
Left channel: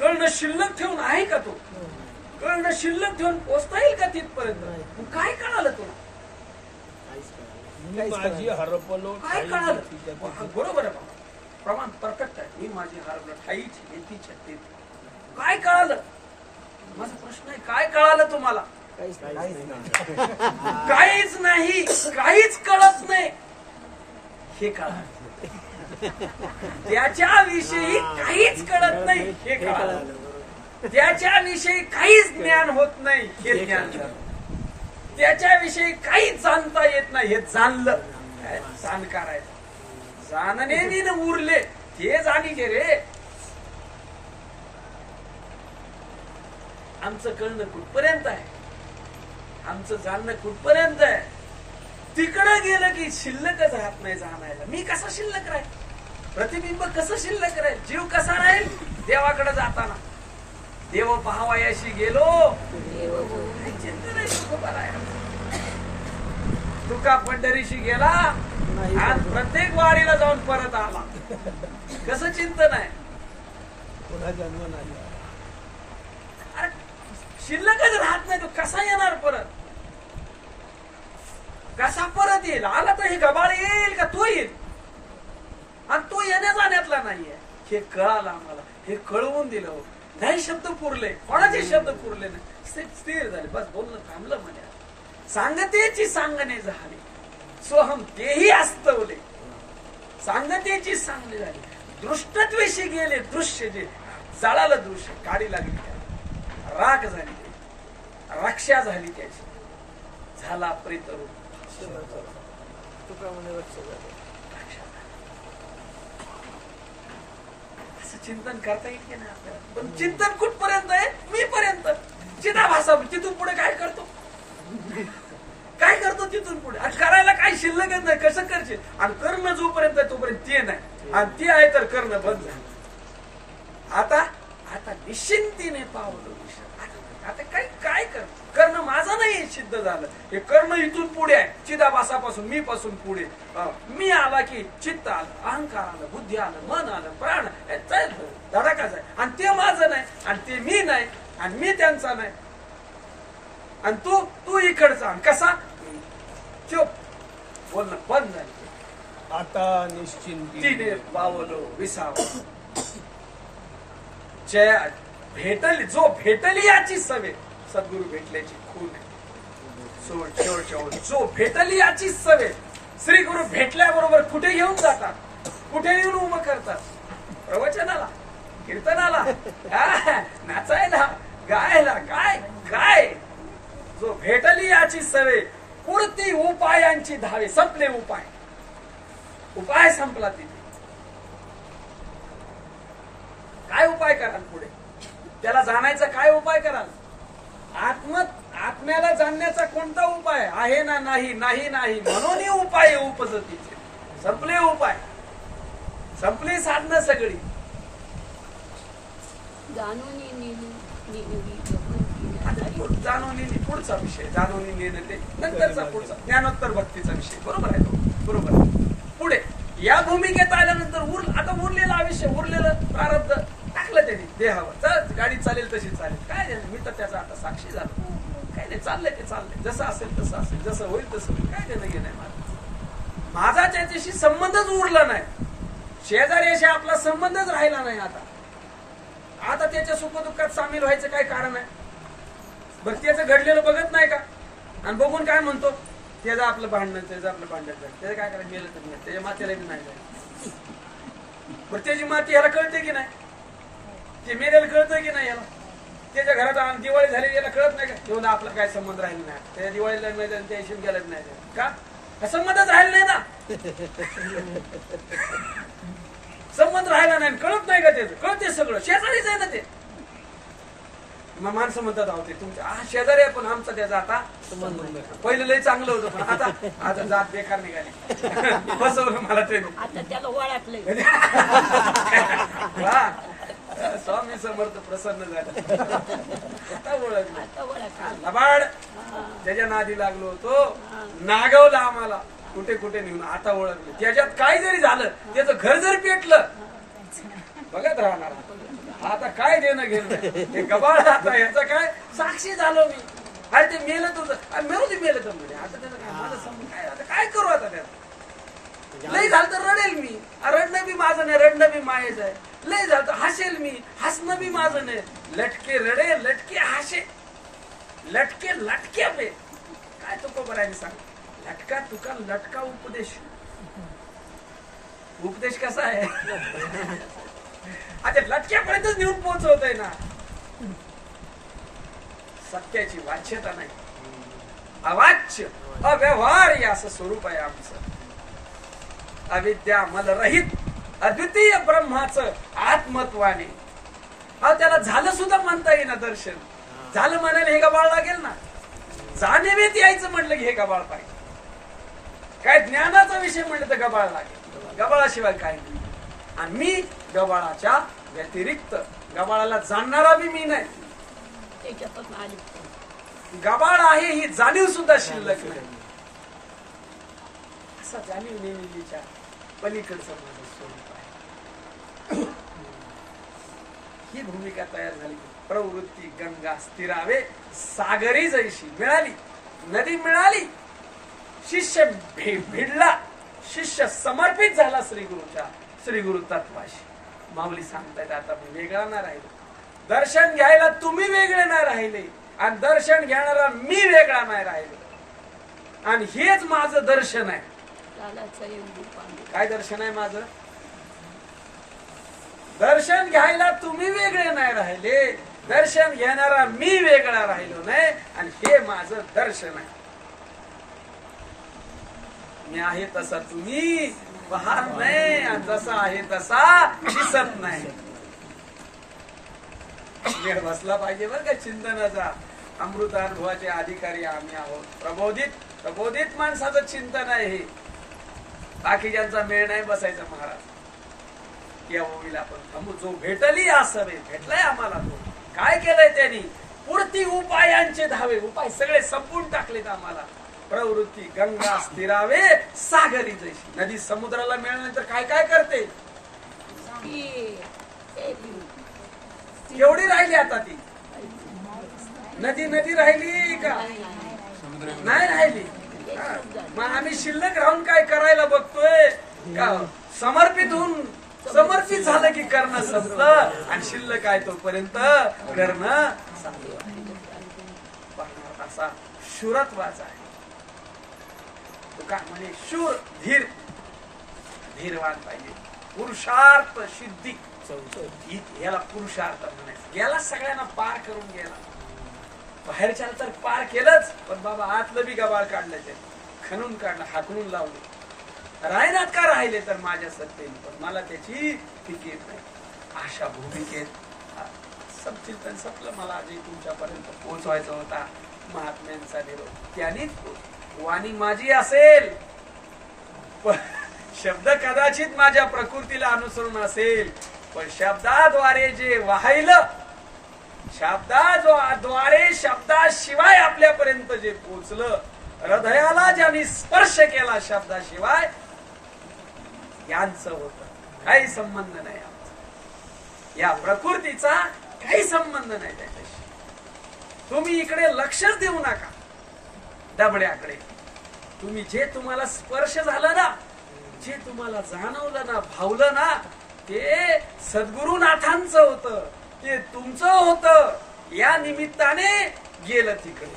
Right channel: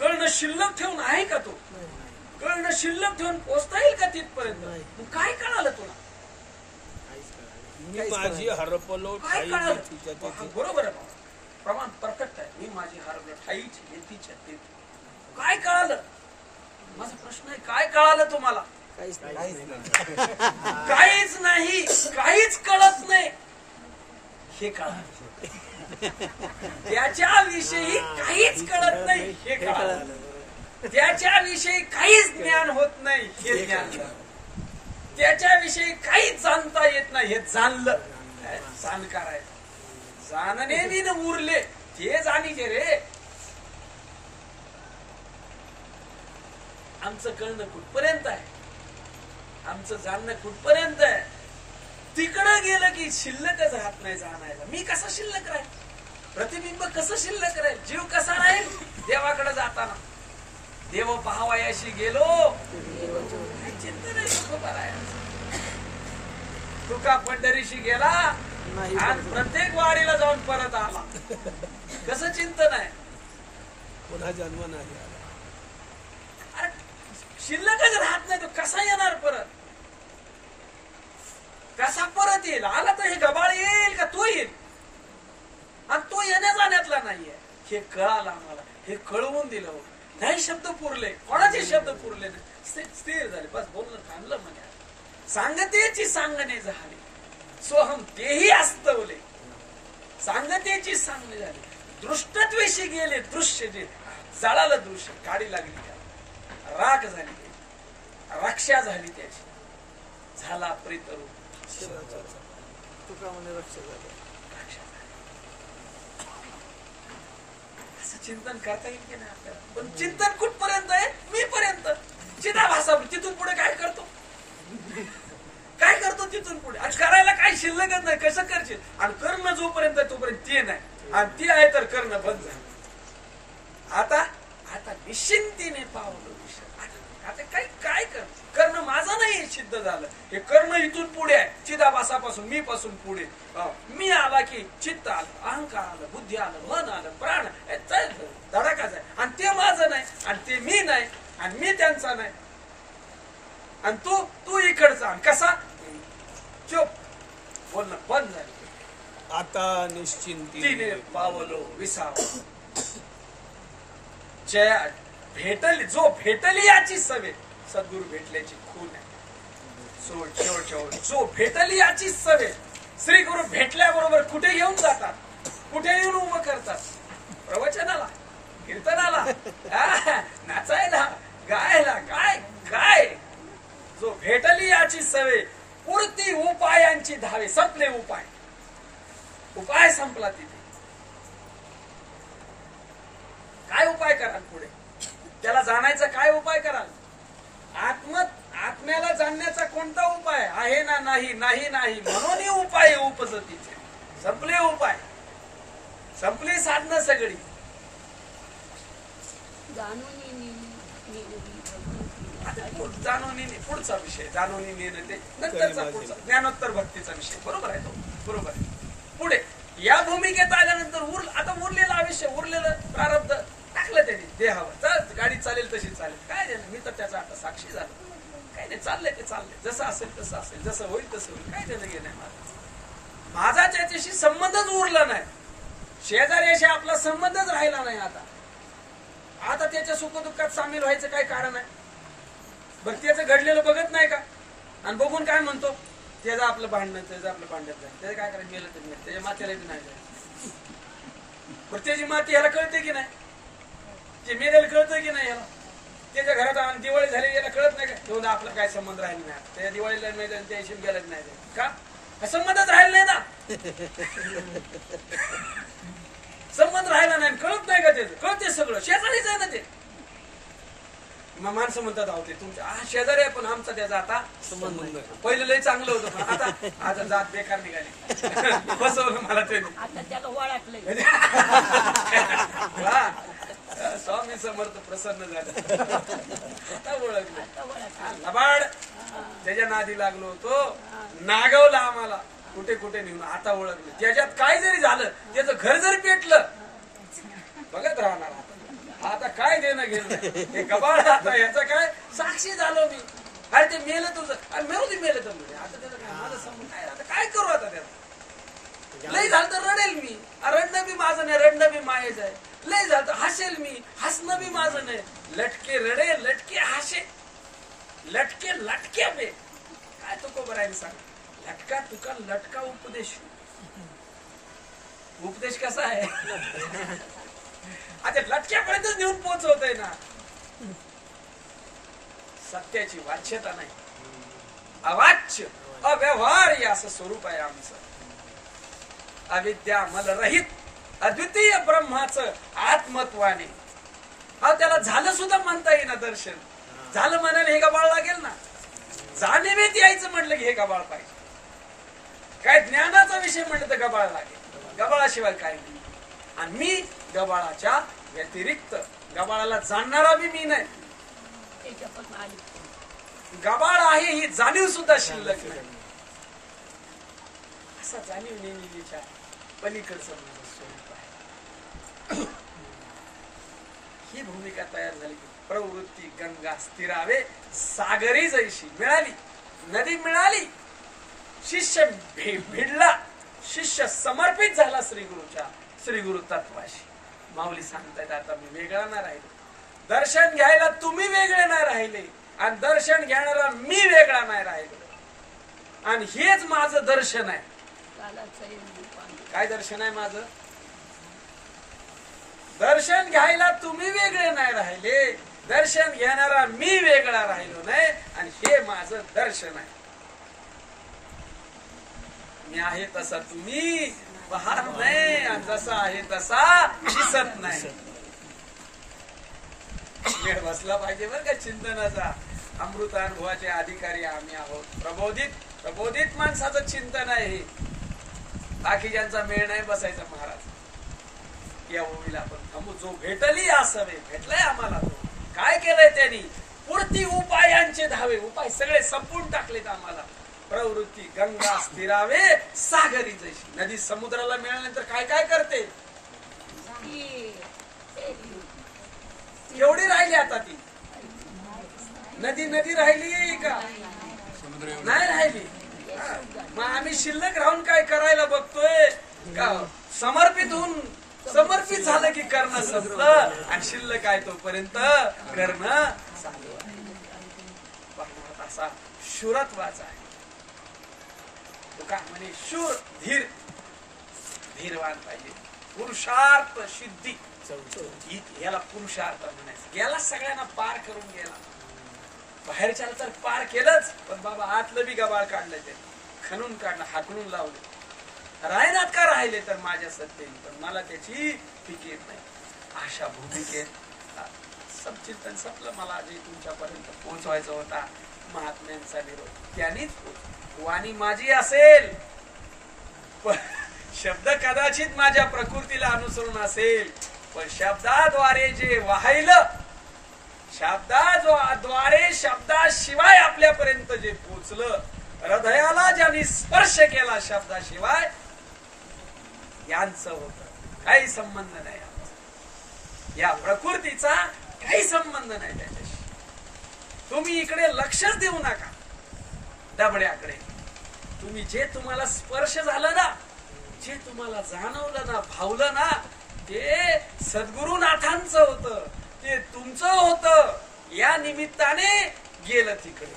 कळणं शिल्लक ठेवून आहे का? तो कळणं शिल्लक ठेवून पोचता येईल का तिथपर्यंत? मग काय कळालं तुला? माझी हरपलो काय कळालं? बरोबर आहे बाबा, प्रमाण परफेक्ट आहे. मी माझी हरपलो ठाईची काय कळालं? माझा प्रश्न आहे, काय कळालं तुम्हाला? काहीच नाही, काहीच कळत नाही हे कळालं. त्याच्याविषयी काहीच कळत नाही हे कळालं. त्याच्याविषयी काहीच ज्ञान होत नाही हे ज्ञान झालं. त्याच्याविषयी काहीच जाणता येत नाही हे जाणलं. जाणकार आहे. जाणणे विन उरले ते जाणीचे रे. आमचं कळणं कुठपर्यंत आहे? आमचं जाणणं कुठपर्यंत आहे? तिकडं गेलं की शिल्लकच राहत नाही जाणायला. मी कसा शिल्लक राहील? प्रतिबिंब कसं शिल्लक राहील? जीव कसा राहील देवाकडे जाताना? देव पाहावयाशी गेलो चिंता नाही. तुका पंढरीशी गेला नाही आणि प्रत्येक वारीला जाऊन परत आला. कसं चिंतन आहे? पुन्हा जन्म नाही. अरे शिल्लकच राहत नाही, तो कसा येणार परत? कसा परत येईल? आला तर हे गबाळ येईल का तो येईल? आणि तो येण्या जाण्यातला नाहीये. हे कळालं आम्हाला, हे कळवून दिलं. हो नाही शब्द पुरले, कोणाचे शब्द पुरले नाही, स्थिर झाले. बस बोलणं थांबलं म्हणे. सांगतेची सांगणे झाली, सोहम तेही अस्तवले. सांगतेची सांगणे झाली, दृष्टत्वेशी गेले. दृश्य जे जळालं, दृश्य काढी लागली, राख झाली, रक्षा झाली त्याची. झाला प्रीतरू तुका म्हणे रक्षा झाली. असं चिंतन करता येईल की नाही आपल्याला? पण चिंतन कुठपर्यंत आहे? मी पर्यंत. चिदाभासा तिथून पुढे काय करतो? काय करतो तिथून पुढे? आज करायला काही शिल्लकच नाही. कसं करशील? आणि करणं जोपर्यंत आहे तोपर्यंत ते नाही, आणि ते आहे तर करणं बंद झालं. आता आता निश्चिंतीने पावलं. आता काय करणं माझं नाही सिद्ध झालं. हे करणं इथून पुढे आहे. चिदाभासापासून, मी पासून पुढे. मी आला की चित्त आलं, अहंकार आलं, बुद्धी आलं, मन आलं, प्राण धडाकाच आहे. आणि ते माझं नाही, आणि ते मी नाही, आणि मी त्यांचा नाही, आणि तू इकडचा. आणि कसा? चुप, बोलणं बंद झालं. आता निश्चिंती तिने पावलो विसाव. जया भेटली, जो भेटली याची सवे. सद्गुरु भेटल्याची खून आहे. शेवट जो भेटली याची सवे. श्री गुरु भेटल्याबरोबर कुठे घेऊन जातात, कुठे येऊन उभं करतात? प्रवचनाला, कीर्तनाला, नाचायला, गायला, काय जो भेटली याची सवे. पुरती उपायांची धावे. संपले उपाय संपला तिथे. काय उपाय कराल पुढे? त्याला जाण्याचा काय उपाय कराल? आत्म्याला जाणण्याचा कोणता उपाय आहे? ना नाही म्हणून उपाय उपजतीचे. संपले उपाय, संपली साधनं सगळी. जाणून पुढचा विषय, जाणून नेणं ते नंतरचा पुढचा ज्ञानोत्तर भक्तीचा विषय. बरोबर आहे तो, बरोबर आहे. पुढे या भूमिकेत आल्यानंतर आता उरलेलं आयुष्य, उरलेलं प्रारब्ध टाकलं त्यांनी देहावर. चल गाडी चालेल तशी चालेल. काय झालं? मी तर त्याचा आता साक्षी झालो. काय नाही, चाललंय ते चाललंय. जसं असेल तसं असेल, जसं होईल तसं होईल. काय देणं घेणं माझा त्याच्याशी संबंधच उरला नाही. शेजाऱ्याशी आपला संबंधच राहिला नाही. आता त्याच्या सुखदुःखात सामील व्हायचं काय कारण आहे? बरं त्याचं घडलेलं बघत नाही का? आणि बघून काय म्हणतो? त्याचं आपलं भांडण झालं, त्याचं काय करायचं? गेलं तर नाही, त्याच्या मातेला बी नाही जायचं. बरं त्याची माती याला कळते की नाही? ते मेलेलं कळतं की नाही याला? त्याच्या घरात दिवाळी झाली, याला कळत नाही का? येऊन आपला काय संबंध राहिला नाही. त्या दिवाळीला नाही झालं, त्या हिशोब गेलाच नाही का? संबंधच राहिला नाही ना. संबंध राहिला नाही, कळत नाही का? त्याचं कळते सगळं. शेजारीच आहे ना ते. मग माणसं म्हणतात आहोत तुमच्या शेजारी आहे, पण आमचा त्याचा आता संबंध. पहिलं लय चांगलं होतं, पण आता जात बेकार निघाली. बसवलं मला ते. वा, स्वामी समर्थ प्रसन्न झालं. आता ओळखलं. लबाड त्याच्या नादी लागलो होतो, नागवला आम्हाला कुठे कुठे नेऊन. आता ओळखलं. त्याच्यात काय जरी झालं, त्याचं घर जरी पेटलं, बघत राहणार. आता काय देणं घेणं नाही. हे गबाळ आता याचा काय साक्षी झालो मी. अरे ते मेलं तुझं, अरे मेरू ते मेलं तर म्हणे. आता त्याचं काय मला समजून काय? आता काय करू? आता त्याला लय झालं तर रडेल मी. रडणं बी माझं नाही, रडणं बी मायेच आहे. लय झालं तर हसेल मी, हसणं बी माझं नाही. लटके रडे, लटके हसे, लटके लटके बे. काय तुकोबराने सांग? लटका तुका लटका उपदेश कसा आहे? आता लटक्यापर्यंतच नेऊन पोहोचवतोय ना. सत्याची वाच्यता नाही, अवाच्य अव्यवहार असं स्वरूप आहे आमचं. अविद्या मलरहित अद्वितीय ब्रह्माचं आत्मत्वाने. त्याला झालं सुद्धा म्हणता येईना दर्शन. झालं म्हणायला हे गबाळ लागेल ना. जाणीवेत यायचं म्हटलं की हे गबाळ पाहिजे. काय ज्ञानाचा विषय म्हटलं तर गबाळ लागेल. गबाळाशिवाय काय नाही. आणि मी गबाळाच्या व्यतिरिक्त, गबाळाला जाणणारा बी मी नाही. गबाळ आहे ही जाणीव सुद्धा शिल्लक नाही. असा जाणीव नेहमीच्या पलीकडचं माझं स्वरूप आहे. ही भूमिका तयार झाली की प्रवृत्ती गंगा स्थिरावे सागरी जैशी मिळाली, नदी मिळाली, शिष्य भिडला, शिष्य समर्पित झाला श्री गुरु तत्वाशी. माऊली सांगतायत आता मी वेगळा नाही राहिलो, दर्शन घ्यायला तुम्ही वेगळे नाही राहिले आणि दर्शन घेणारा मी वेगळा नाही राहिलो. आणि हेच माझं दर्शन आहे. काय दर्शन आहे माझं? दर्शन घ्यायला तुम्ही वेगळे नाही राहिले, दर्शन घेणारा मी वेगळा राहिलो नाही आणि हे माझं दर्शन आहे. मी आहे तसा तुम्ही पाहत नाही आणि जसा आहे तसा दिसत नाही. वेळ बसला पाहिजे बरं का चिंतनाचा. अमृतानुभवाचे अधिकारी आम्ही आहोत. प्रबोधित माणसाचं चिंतन आहे हे. बाकीच्यांचा मेळ नाही बसायचा महाराज. या ओवीला आपण थांबू. जो भेटली असवे, भेटलाय आम्हाला तो. काय केलंय त्यांनी? पुरती उपायांचे धावे, उपाय सगळे संपून टाकलेत आम्हाला. प्रवृत्ती गंगा स्थिरावे सागरी जैशी. नदी समुद्राला मिळाल्यानंतर काय काय करते? एवढी राहिली आता ती नदी राहिली का? नाही राहिली. मग आम्ही शिल्लक राहून काय करायला बघतोय का? समर्पित झालं की करणं संपलं आणि शिल्लक आहे तोपर्यंत करणं चालू आहे. असा शूरत्वाचा आहे. तो का म्हणे शूर धीरवान पाहिजे. पुरुषार्थ सिद्धी, याला पुरुषार्थ म्हणायचं. गेला सगळ्यांना पार करून गेला. बाहेरच्या तर पार केलंच, पण बाबा आतलं बी गबाळ काढलं, ते खणून काढलं, हाकलून लावले. रायनात का राहिले तर माझ्या सत्तेने, पण मला त्याची फिकीर नाही. अशा भूमिकेत सबचिंतन संपलं. मला आधी तुमच्यापर्यंत पोहोचवायचा होता महात्म्यांचा निरोप. त्यांनीच वाणी माझी असेल, पण शब्द कदाचित माझ्या प्रकृतीला अनुसरून असेल, पण शब्दाद्वारे जे वाहिलं, शब्दाद्वारे शब्दाशिवाय आपल्यापर्यंत जे पोचलं, हृदयाला ज्यांनी स्पर्श केला शब्दाशिवाय, यांचं होतं. काही संबंध नाही आमचा. या प्रकृतीचा काही संबंध नाही त्याच्याशी. तुम्ही इकडे लक्षच देऊ नका डबड्याकडे. तुम्ही जे तुम्हाला स्पर्श झालं ना, जे तुम्हाला जाणवलं ना, भावलं ना, ते सद्गुरुनाथांचं होतं, ते तुमचं होतं. या निमित्ताने गेलं तिकडे.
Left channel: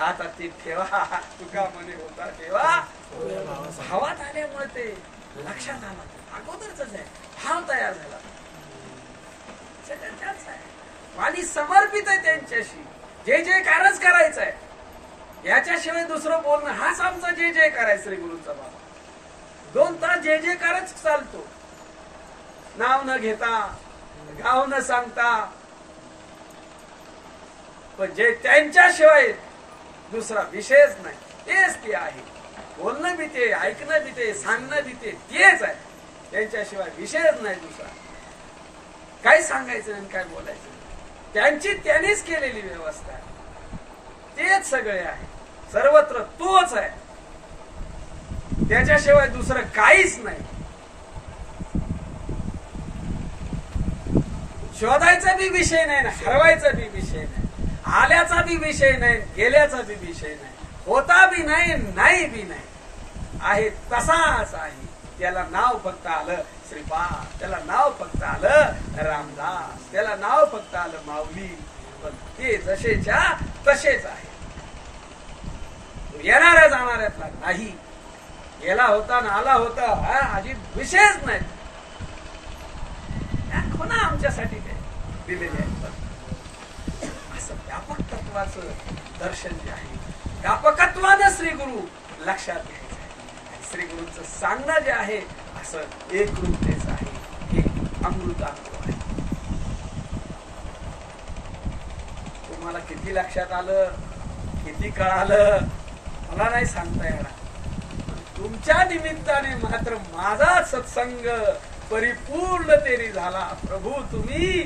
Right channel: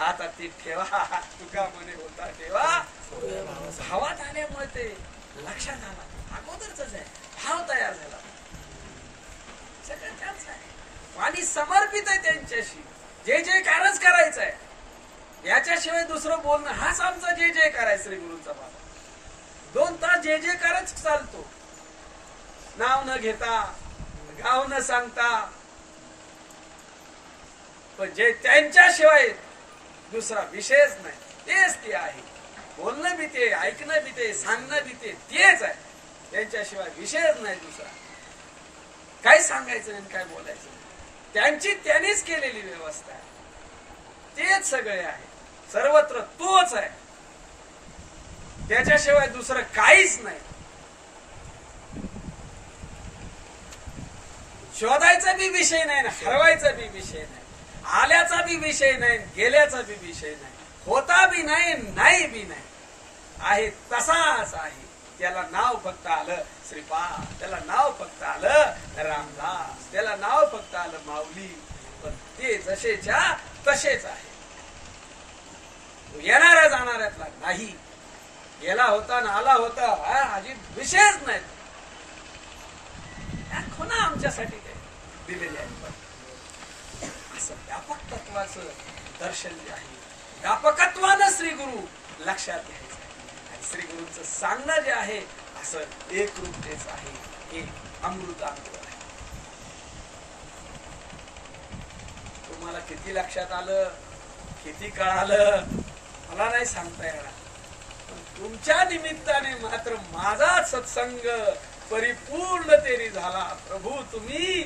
आता ते ठेवा. तुका म्हणे होता ठेवा. भावात आल्यामुळे ते लक्षात आला. अगोदरच आहे, भाव तयार झाला. सगळं त्याच आहे. वाणी समर्पित आहे त्यांच्याशी. जे कारच करायचं आहे. याच्याशिवाय दुसरं बोलणं, हाच आमचा जे करायचं श्री गुरूंचा बाबा. 2 तास जे कारच चालतो. नाव न घेता, गाव न सांगता, पण जे त्यांच्याशिवाय दुसरा विषयच नाही, तेच ते आहे. बोलणं बी ते, ऐकणं बी ते, सांगणं बी तेच आहे. त्यांच्याशिवाय विषयच नाही दुसरा. काय सांगायचं आणि काय बोलायचं, त्यांनीच केलेली व्यवस्था आहे. तेच सगळे आहे. सर्वत्र तोच आहे. त्याच्याशिवाय दुसरं काहीच नाही. शोधायचा बी विषय नाही, हरवायचा बी विषय नाही, आल्याचा बी विषय नाही, गेल्याचा बी विषय नाही, होता बी नाही, नाही बी नाही. आहे तसाच आहे. त्याला नाव फक्त आलं श्रीपाद, त्याला नाव फक्त आलं रामदास, त्याला नाव फक्त आलं माऊली, पण ते जसेच्या तसेच आहे. येणाऱ्या जाणाऱ्यातला नाही. गेला होता ना आला होता हा अजिब विषयच नाही. खुणा आमच्यासाठी ते दिलेले आहेत. असं व्यापक तत्वाचं दर्शन जे आहे, व्यापकत्वानं श्रीगुरु लक्षात घ्यायचं आहे. आणि श्रीगुरूंचं सांगणं जे आहे असं एकरूपतेच आहे. हे अमृतानुभव आहे. तुम्हाला किती लक्षात आलं, किती कळालं मला नाही सांगता येणार. तुमच्या निमित्ताने मात्र माझा सत्संग परिपूर्णतेने झाला. प्रभू तुम्ही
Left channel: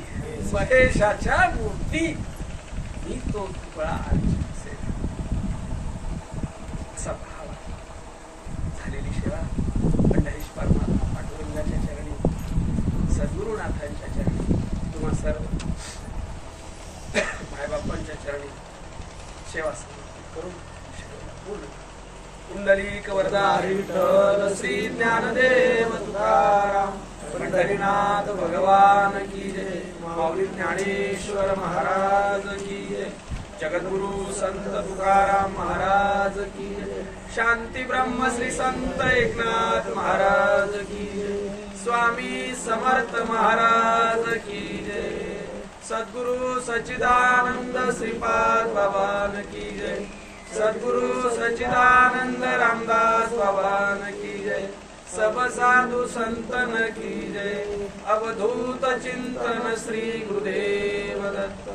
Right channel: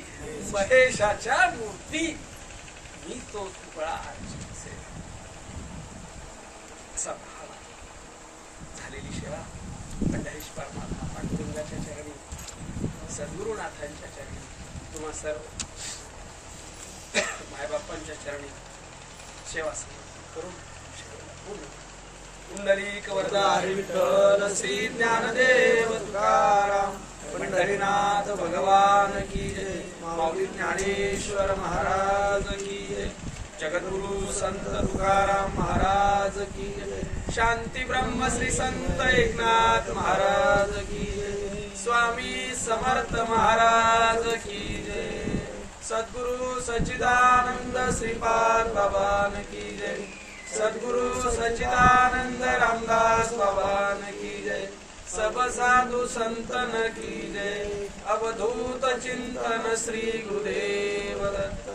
महेशाच्या मूर्ती, मी तो तुकडा असा भाव झालेली पंढरीश परमात्मा पांडुरंगाच्या चरणी, सद्गुरुनाथांच्या चरणी, तुम्हा सर्व मायबापांच्या चरणी सेवा समर्पित करून पूर्ण. पुंडलिक वरदा हरी विठ्ठल श्री ज्ञानदेव तुकाराम पंढरीनाथ भगवान की जय. माऊली ज्ञानेश्वर महाराज की जय. जगद्गुरु संत तुकाराम महाराज की जय. शांती ब्रह्म श्री संत एकनाथ महाराज की जय. स्वामी समर्थ महाराज की जय. सद्गुरु सच्चिदानंद श्रीपाद भगवान की जय. सद्गुरु सच्चिदानंद रामदास भगवान की जय. सब साधु संतन की जय. अवधूत चिंतन श्री गुरुदेव दत्त.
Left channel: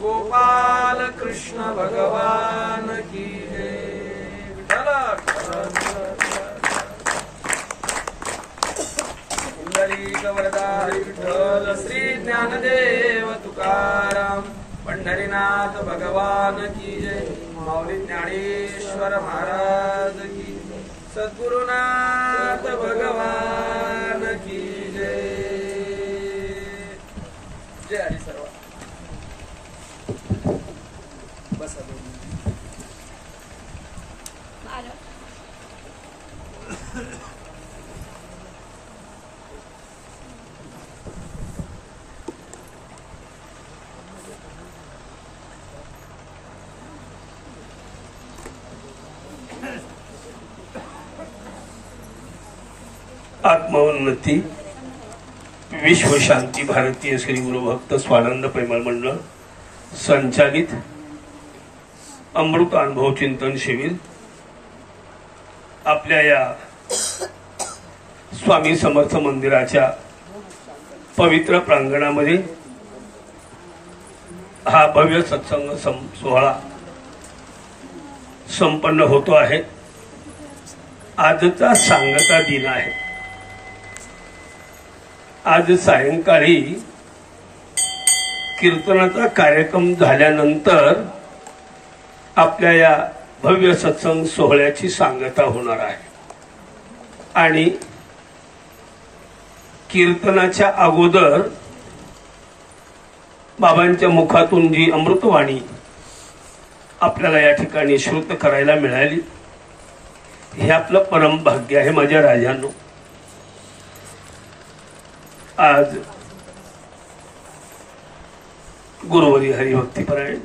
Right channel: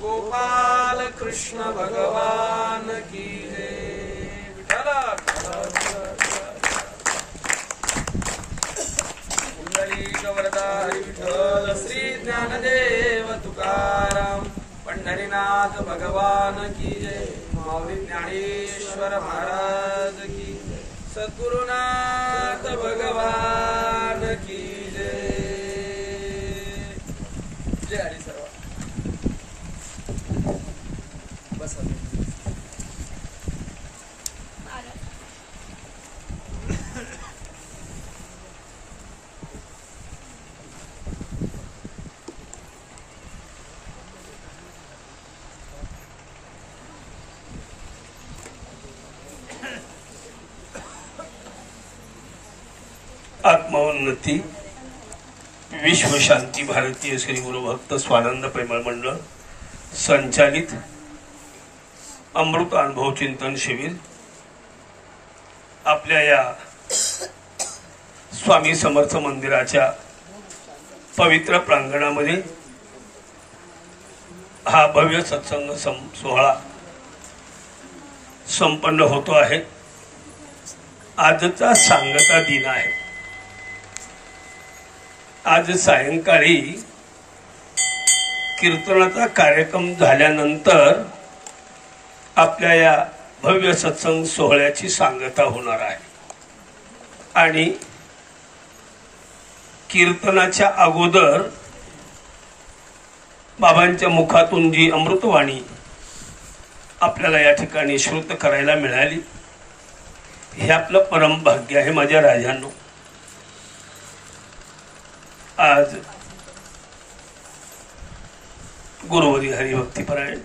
गोपाल कृष्ण भगवान की जय. पुंडलिक वरदा हरी विठ्ठल श्री ज्ञानदेव तुकाराम पंढरीनाथ भगवान की जय. माऊली ज्ञानेश्वर महाराज की जय. सद्गुरुनाथ भगवान की जय. जय हरी सर्व. बस आत्मोन्नती विश्व शांती भारतीय श्री गुरुभक्त स्वानंद प्रेमळ मंडळ संचालित अमृत अनुभव चिंतन शिबिर आपल्या या स्वामी समर्थ मंदिराच्या पवित्र प्रांगणामध्ये हा भव्य सत्संग सोहळा संपन्न होतो आहे. आजचा सांगता दिन आहे. आज सायंकाळी कीर्तनाचा कार्यक्रम झाल्यानंतर आपल्या या भव्य सत्संग सोहळ्याची सांगता होणार आहे आणि कीर्तनाच्या अगोदर बाबांच्या मुखातून जी अमृतवाणी आपल्याला या ठिकाणी श्रुत करायला मिळाली हे आपलं परम भाग्य आहे. माझ्या राजांनो, आज गुरुवारी हरिभक्तीपरायण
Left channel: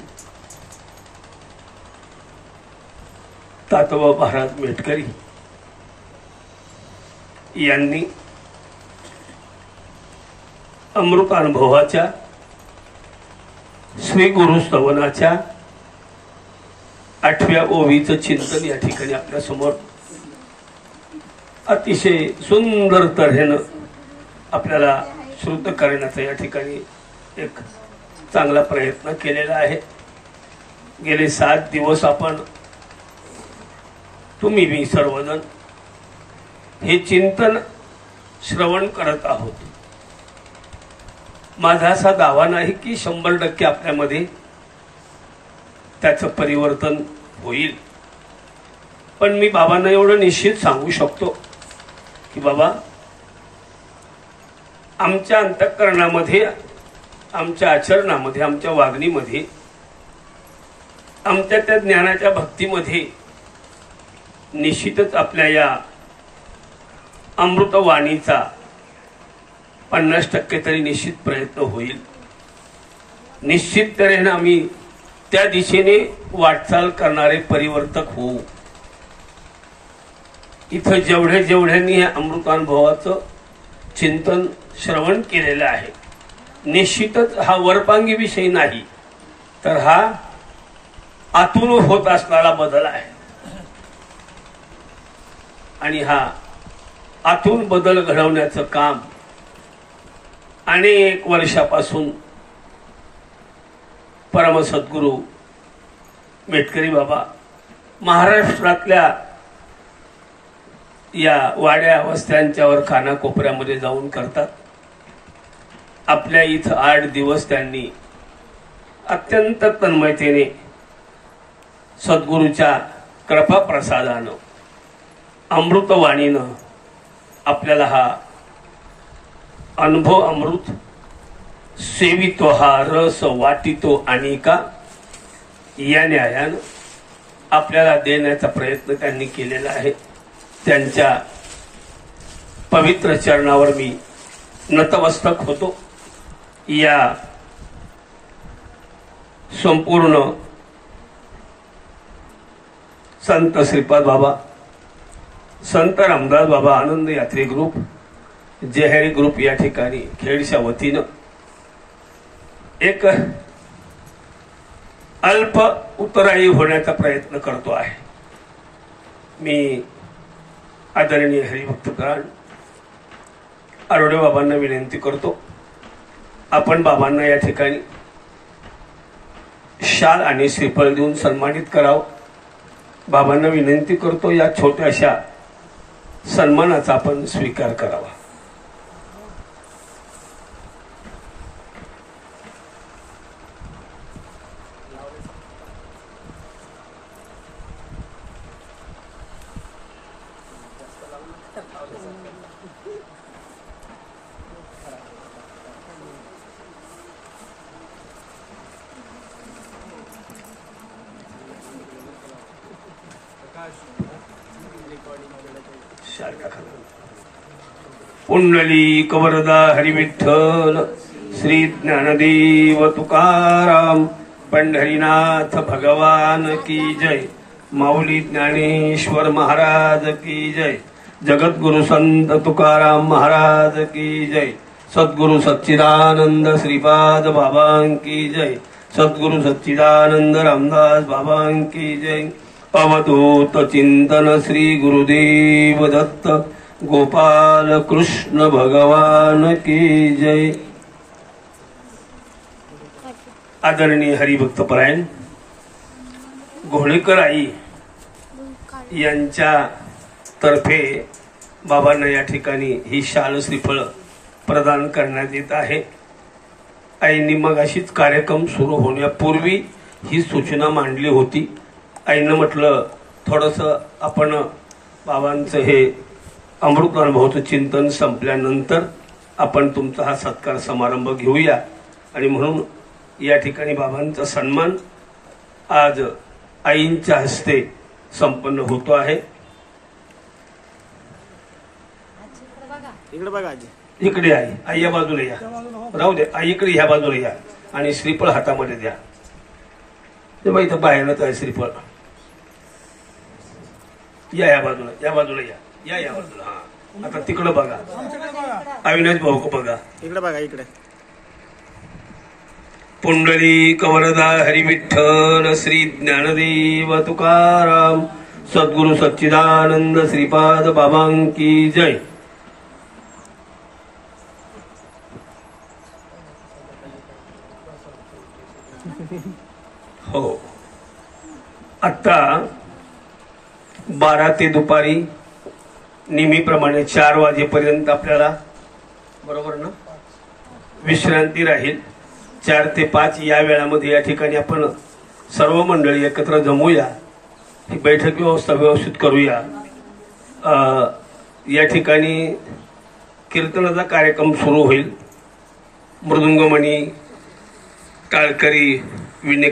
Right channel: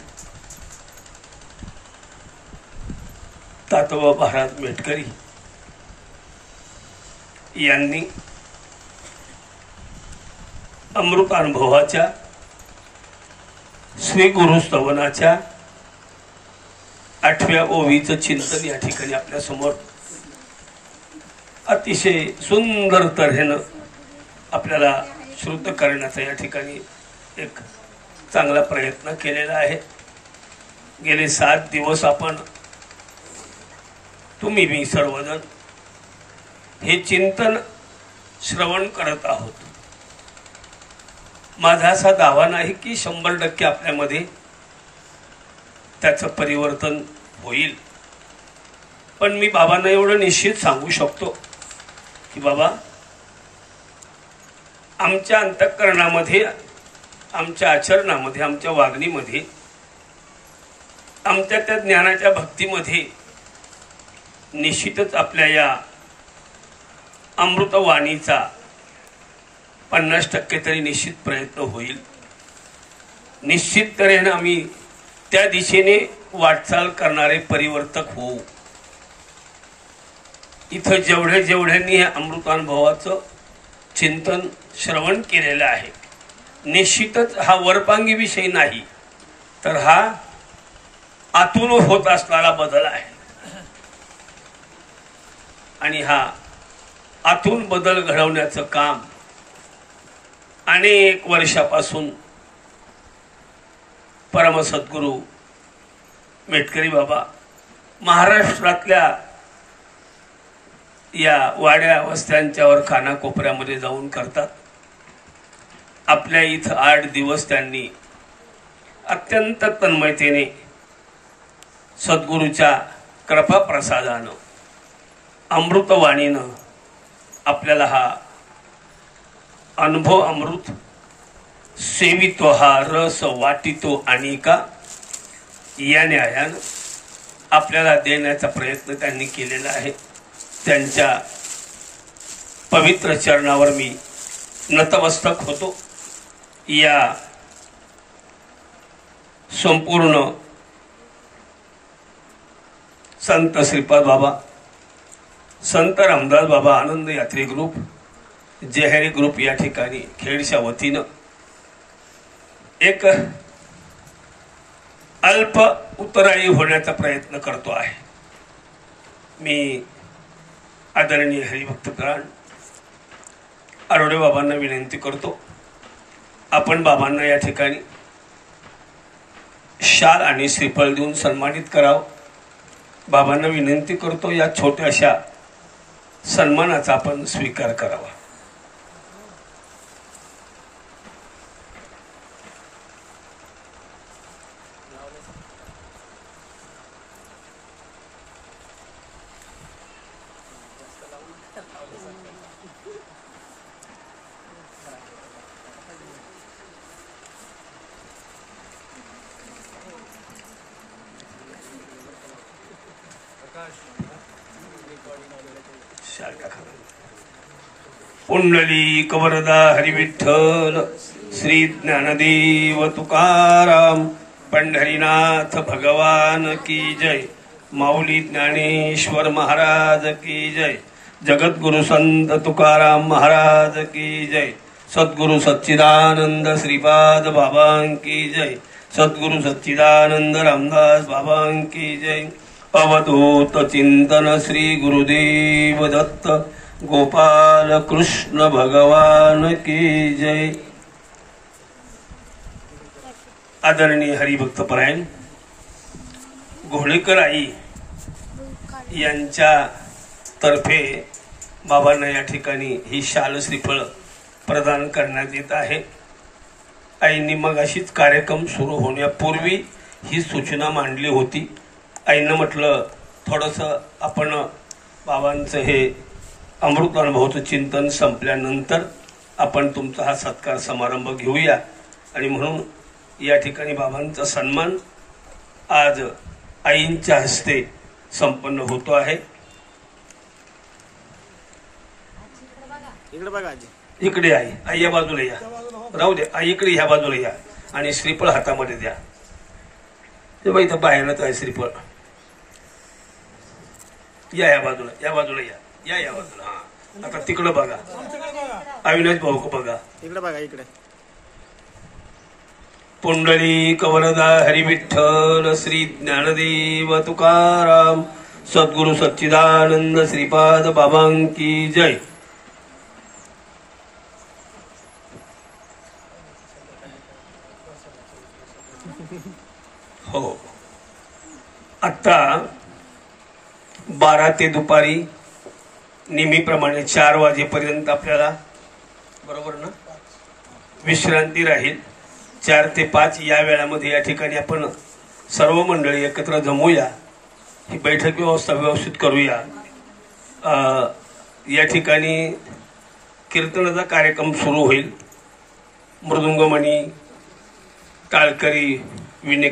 तातोबा महाराज मेटकरी यांनी अमृतानुभवाच्या श्री गुरुस्तवनाच्या 8व्या ओवीचं चिंतन या ठिकाणी आपल्या समोर अतिशय सुंदर तऱ्हेनं आपल्याला श्रुत करण्याचा या ठिकाणी एक चांगला प्रयत्न केलेला आहे. गेले 7 दिवस आपण तुम्ही मी सर्वजण हे चिंतन श्रवण करत आहोत. माझा असा दावा नाही की 100% आपल्यामध्ये त्याचं परिवर्तन होईल, पण मी बाबांना एवढं निश्चित सांगू शकतो की बाबा, आमच्या अंतःकरणामध्ये, आमच्या आचरणामध्ये, आमच्या वागणीमध्ये, आमच्या त्या ज्ञानाच्या भक्तीमध्ये निश्चितच आपल्या या अमृतवाणीचा 50% तरी निश्चित प्रयत्न होईल. निश्चित तऱ्हेने आम्ही त्या दिशेने वाटचाल करणारे परिवर्तक होऊ. इथं जेवढ्यांनी हे अमृतानुभवाचं चिंतन श्रवण केलेलं आहे, निश्चितच हा वरपांगी विषय नाही, तर हा आतून होत असणारा बदल आहे. आणि हा आतून बदल घडवण्याचं काम अनेक वर्षापासून परमसद्गुरू मेटकरी बाबा महाराष्ट्रातल्या या वाड्या वस्त्यांच्यावर कानाकोपऱ्यामध्ये जाऊन करतात. आपल्या इथं 8 दिवस त्यांनी अत्यंत तन्मयतेने सद्गुरूच्या कृपा प्रसादानं अमृतवाणीनं आपल्याला हा अनुभव अमृत सेवितो हा रस वाटितो अनेका या न्यायानं आपल्याला देण्याचा प्रयत्न त्यांनी केलेला आहे. त्यांच्या पवित्र चरणावर मी नतमस्तक होतो. या संपूर्ण संत श्रीपाद बाबा, संत रामदास बाबा आनंद यात्री ग्रुप, जेहरी ग्रुप या ठिकाणी खेडच्या वतीनं एक अल्प उतराई होण्याचा प्रयत्न करतो आहे. मी आदरणीय हरिभक्तपरायण आरोडे बाबांना विनंती करतो, आपण बाबांना या ठिकाणी शाल आणि श्रीफळ देऊन सन्मानित करावं. बाबांना विनंती करतो, या छोट्याशा सन्मानाचा आपण स्वीकार करावा. पुंडलिक वरदा हरिविठ्ठल श्री ज्ञानदेव तुकाराम पंढरीनाथ भगवान की जय. माऊली ज्ञानेश्वर महाराज की जय. जगद्गुरु संत तुकाराम महाराज की जय. सद्गुरु सच्चिदानंद श्रीपाद बाबा की जय. सद्गुरु सच्चिदानंद रामदास बाबा की जय. अवधूत चिंतन श्री गुरुदेव दत्त गोपाल कृष्ण भगवान की जय. आदरणीय हरिभक्तपरायण घोडेकर आई यांच्या तर्फे बाबांना या ठिकाणी ही शाल श्रीफळ प्रदान करण्यात येत आहे. आईंनी मग अशीच कार्यक्रम सुरू होण्यापूर्वी ही सूचना मांडली होती. आईनं म्हटलं थोडस आपण बाबांचं हे अमृत अनुभवाचं चिंतन संपल्यानंतर आपण तुमचा हा सत्कार समारंभ घेऊया, आणि म्हणून या ठिकाणी बाबांचा सन्मान आज आईंच्या हस्ते संपन्न होतो आहे. इकडे बघा आजी, इकडे आई या बाजूला या, राहू द्या आई इकडे ह्या बाजूला या आणि श्रीफळ हातामध्ये द्या. ते बघ इथं बाहेरच आहे श्रीफळ. या बाजूला या बाजूला या बाजूला. हा आता तिकडं बघा, अविनाश भाऊ बघा, इकडे बघा इकडे. पुंडलिक वरदा हरिविठ्ठल श्री ज्ञानदेव तुकाराम सद्गुरु सच्चिदानंद श्रीपाद बाबा की जय. हो, आता 12 ते दुपारी नेहमीप्रमाणे 4 वाजेपर्यंत आपल्याला बरोबर ना विश्रांती राहील. 4 ते 5 या वेळामध्ये या ठिकाणी आपण सर्व मंडळी एकत्र जमूया, ही बैठक व्यवस्था व्यवस्थित करूया. या ठिकाणी कीर्तनाचा कार्यक्रम सुरू होईल. मृदुंगमणी टाळकरी विने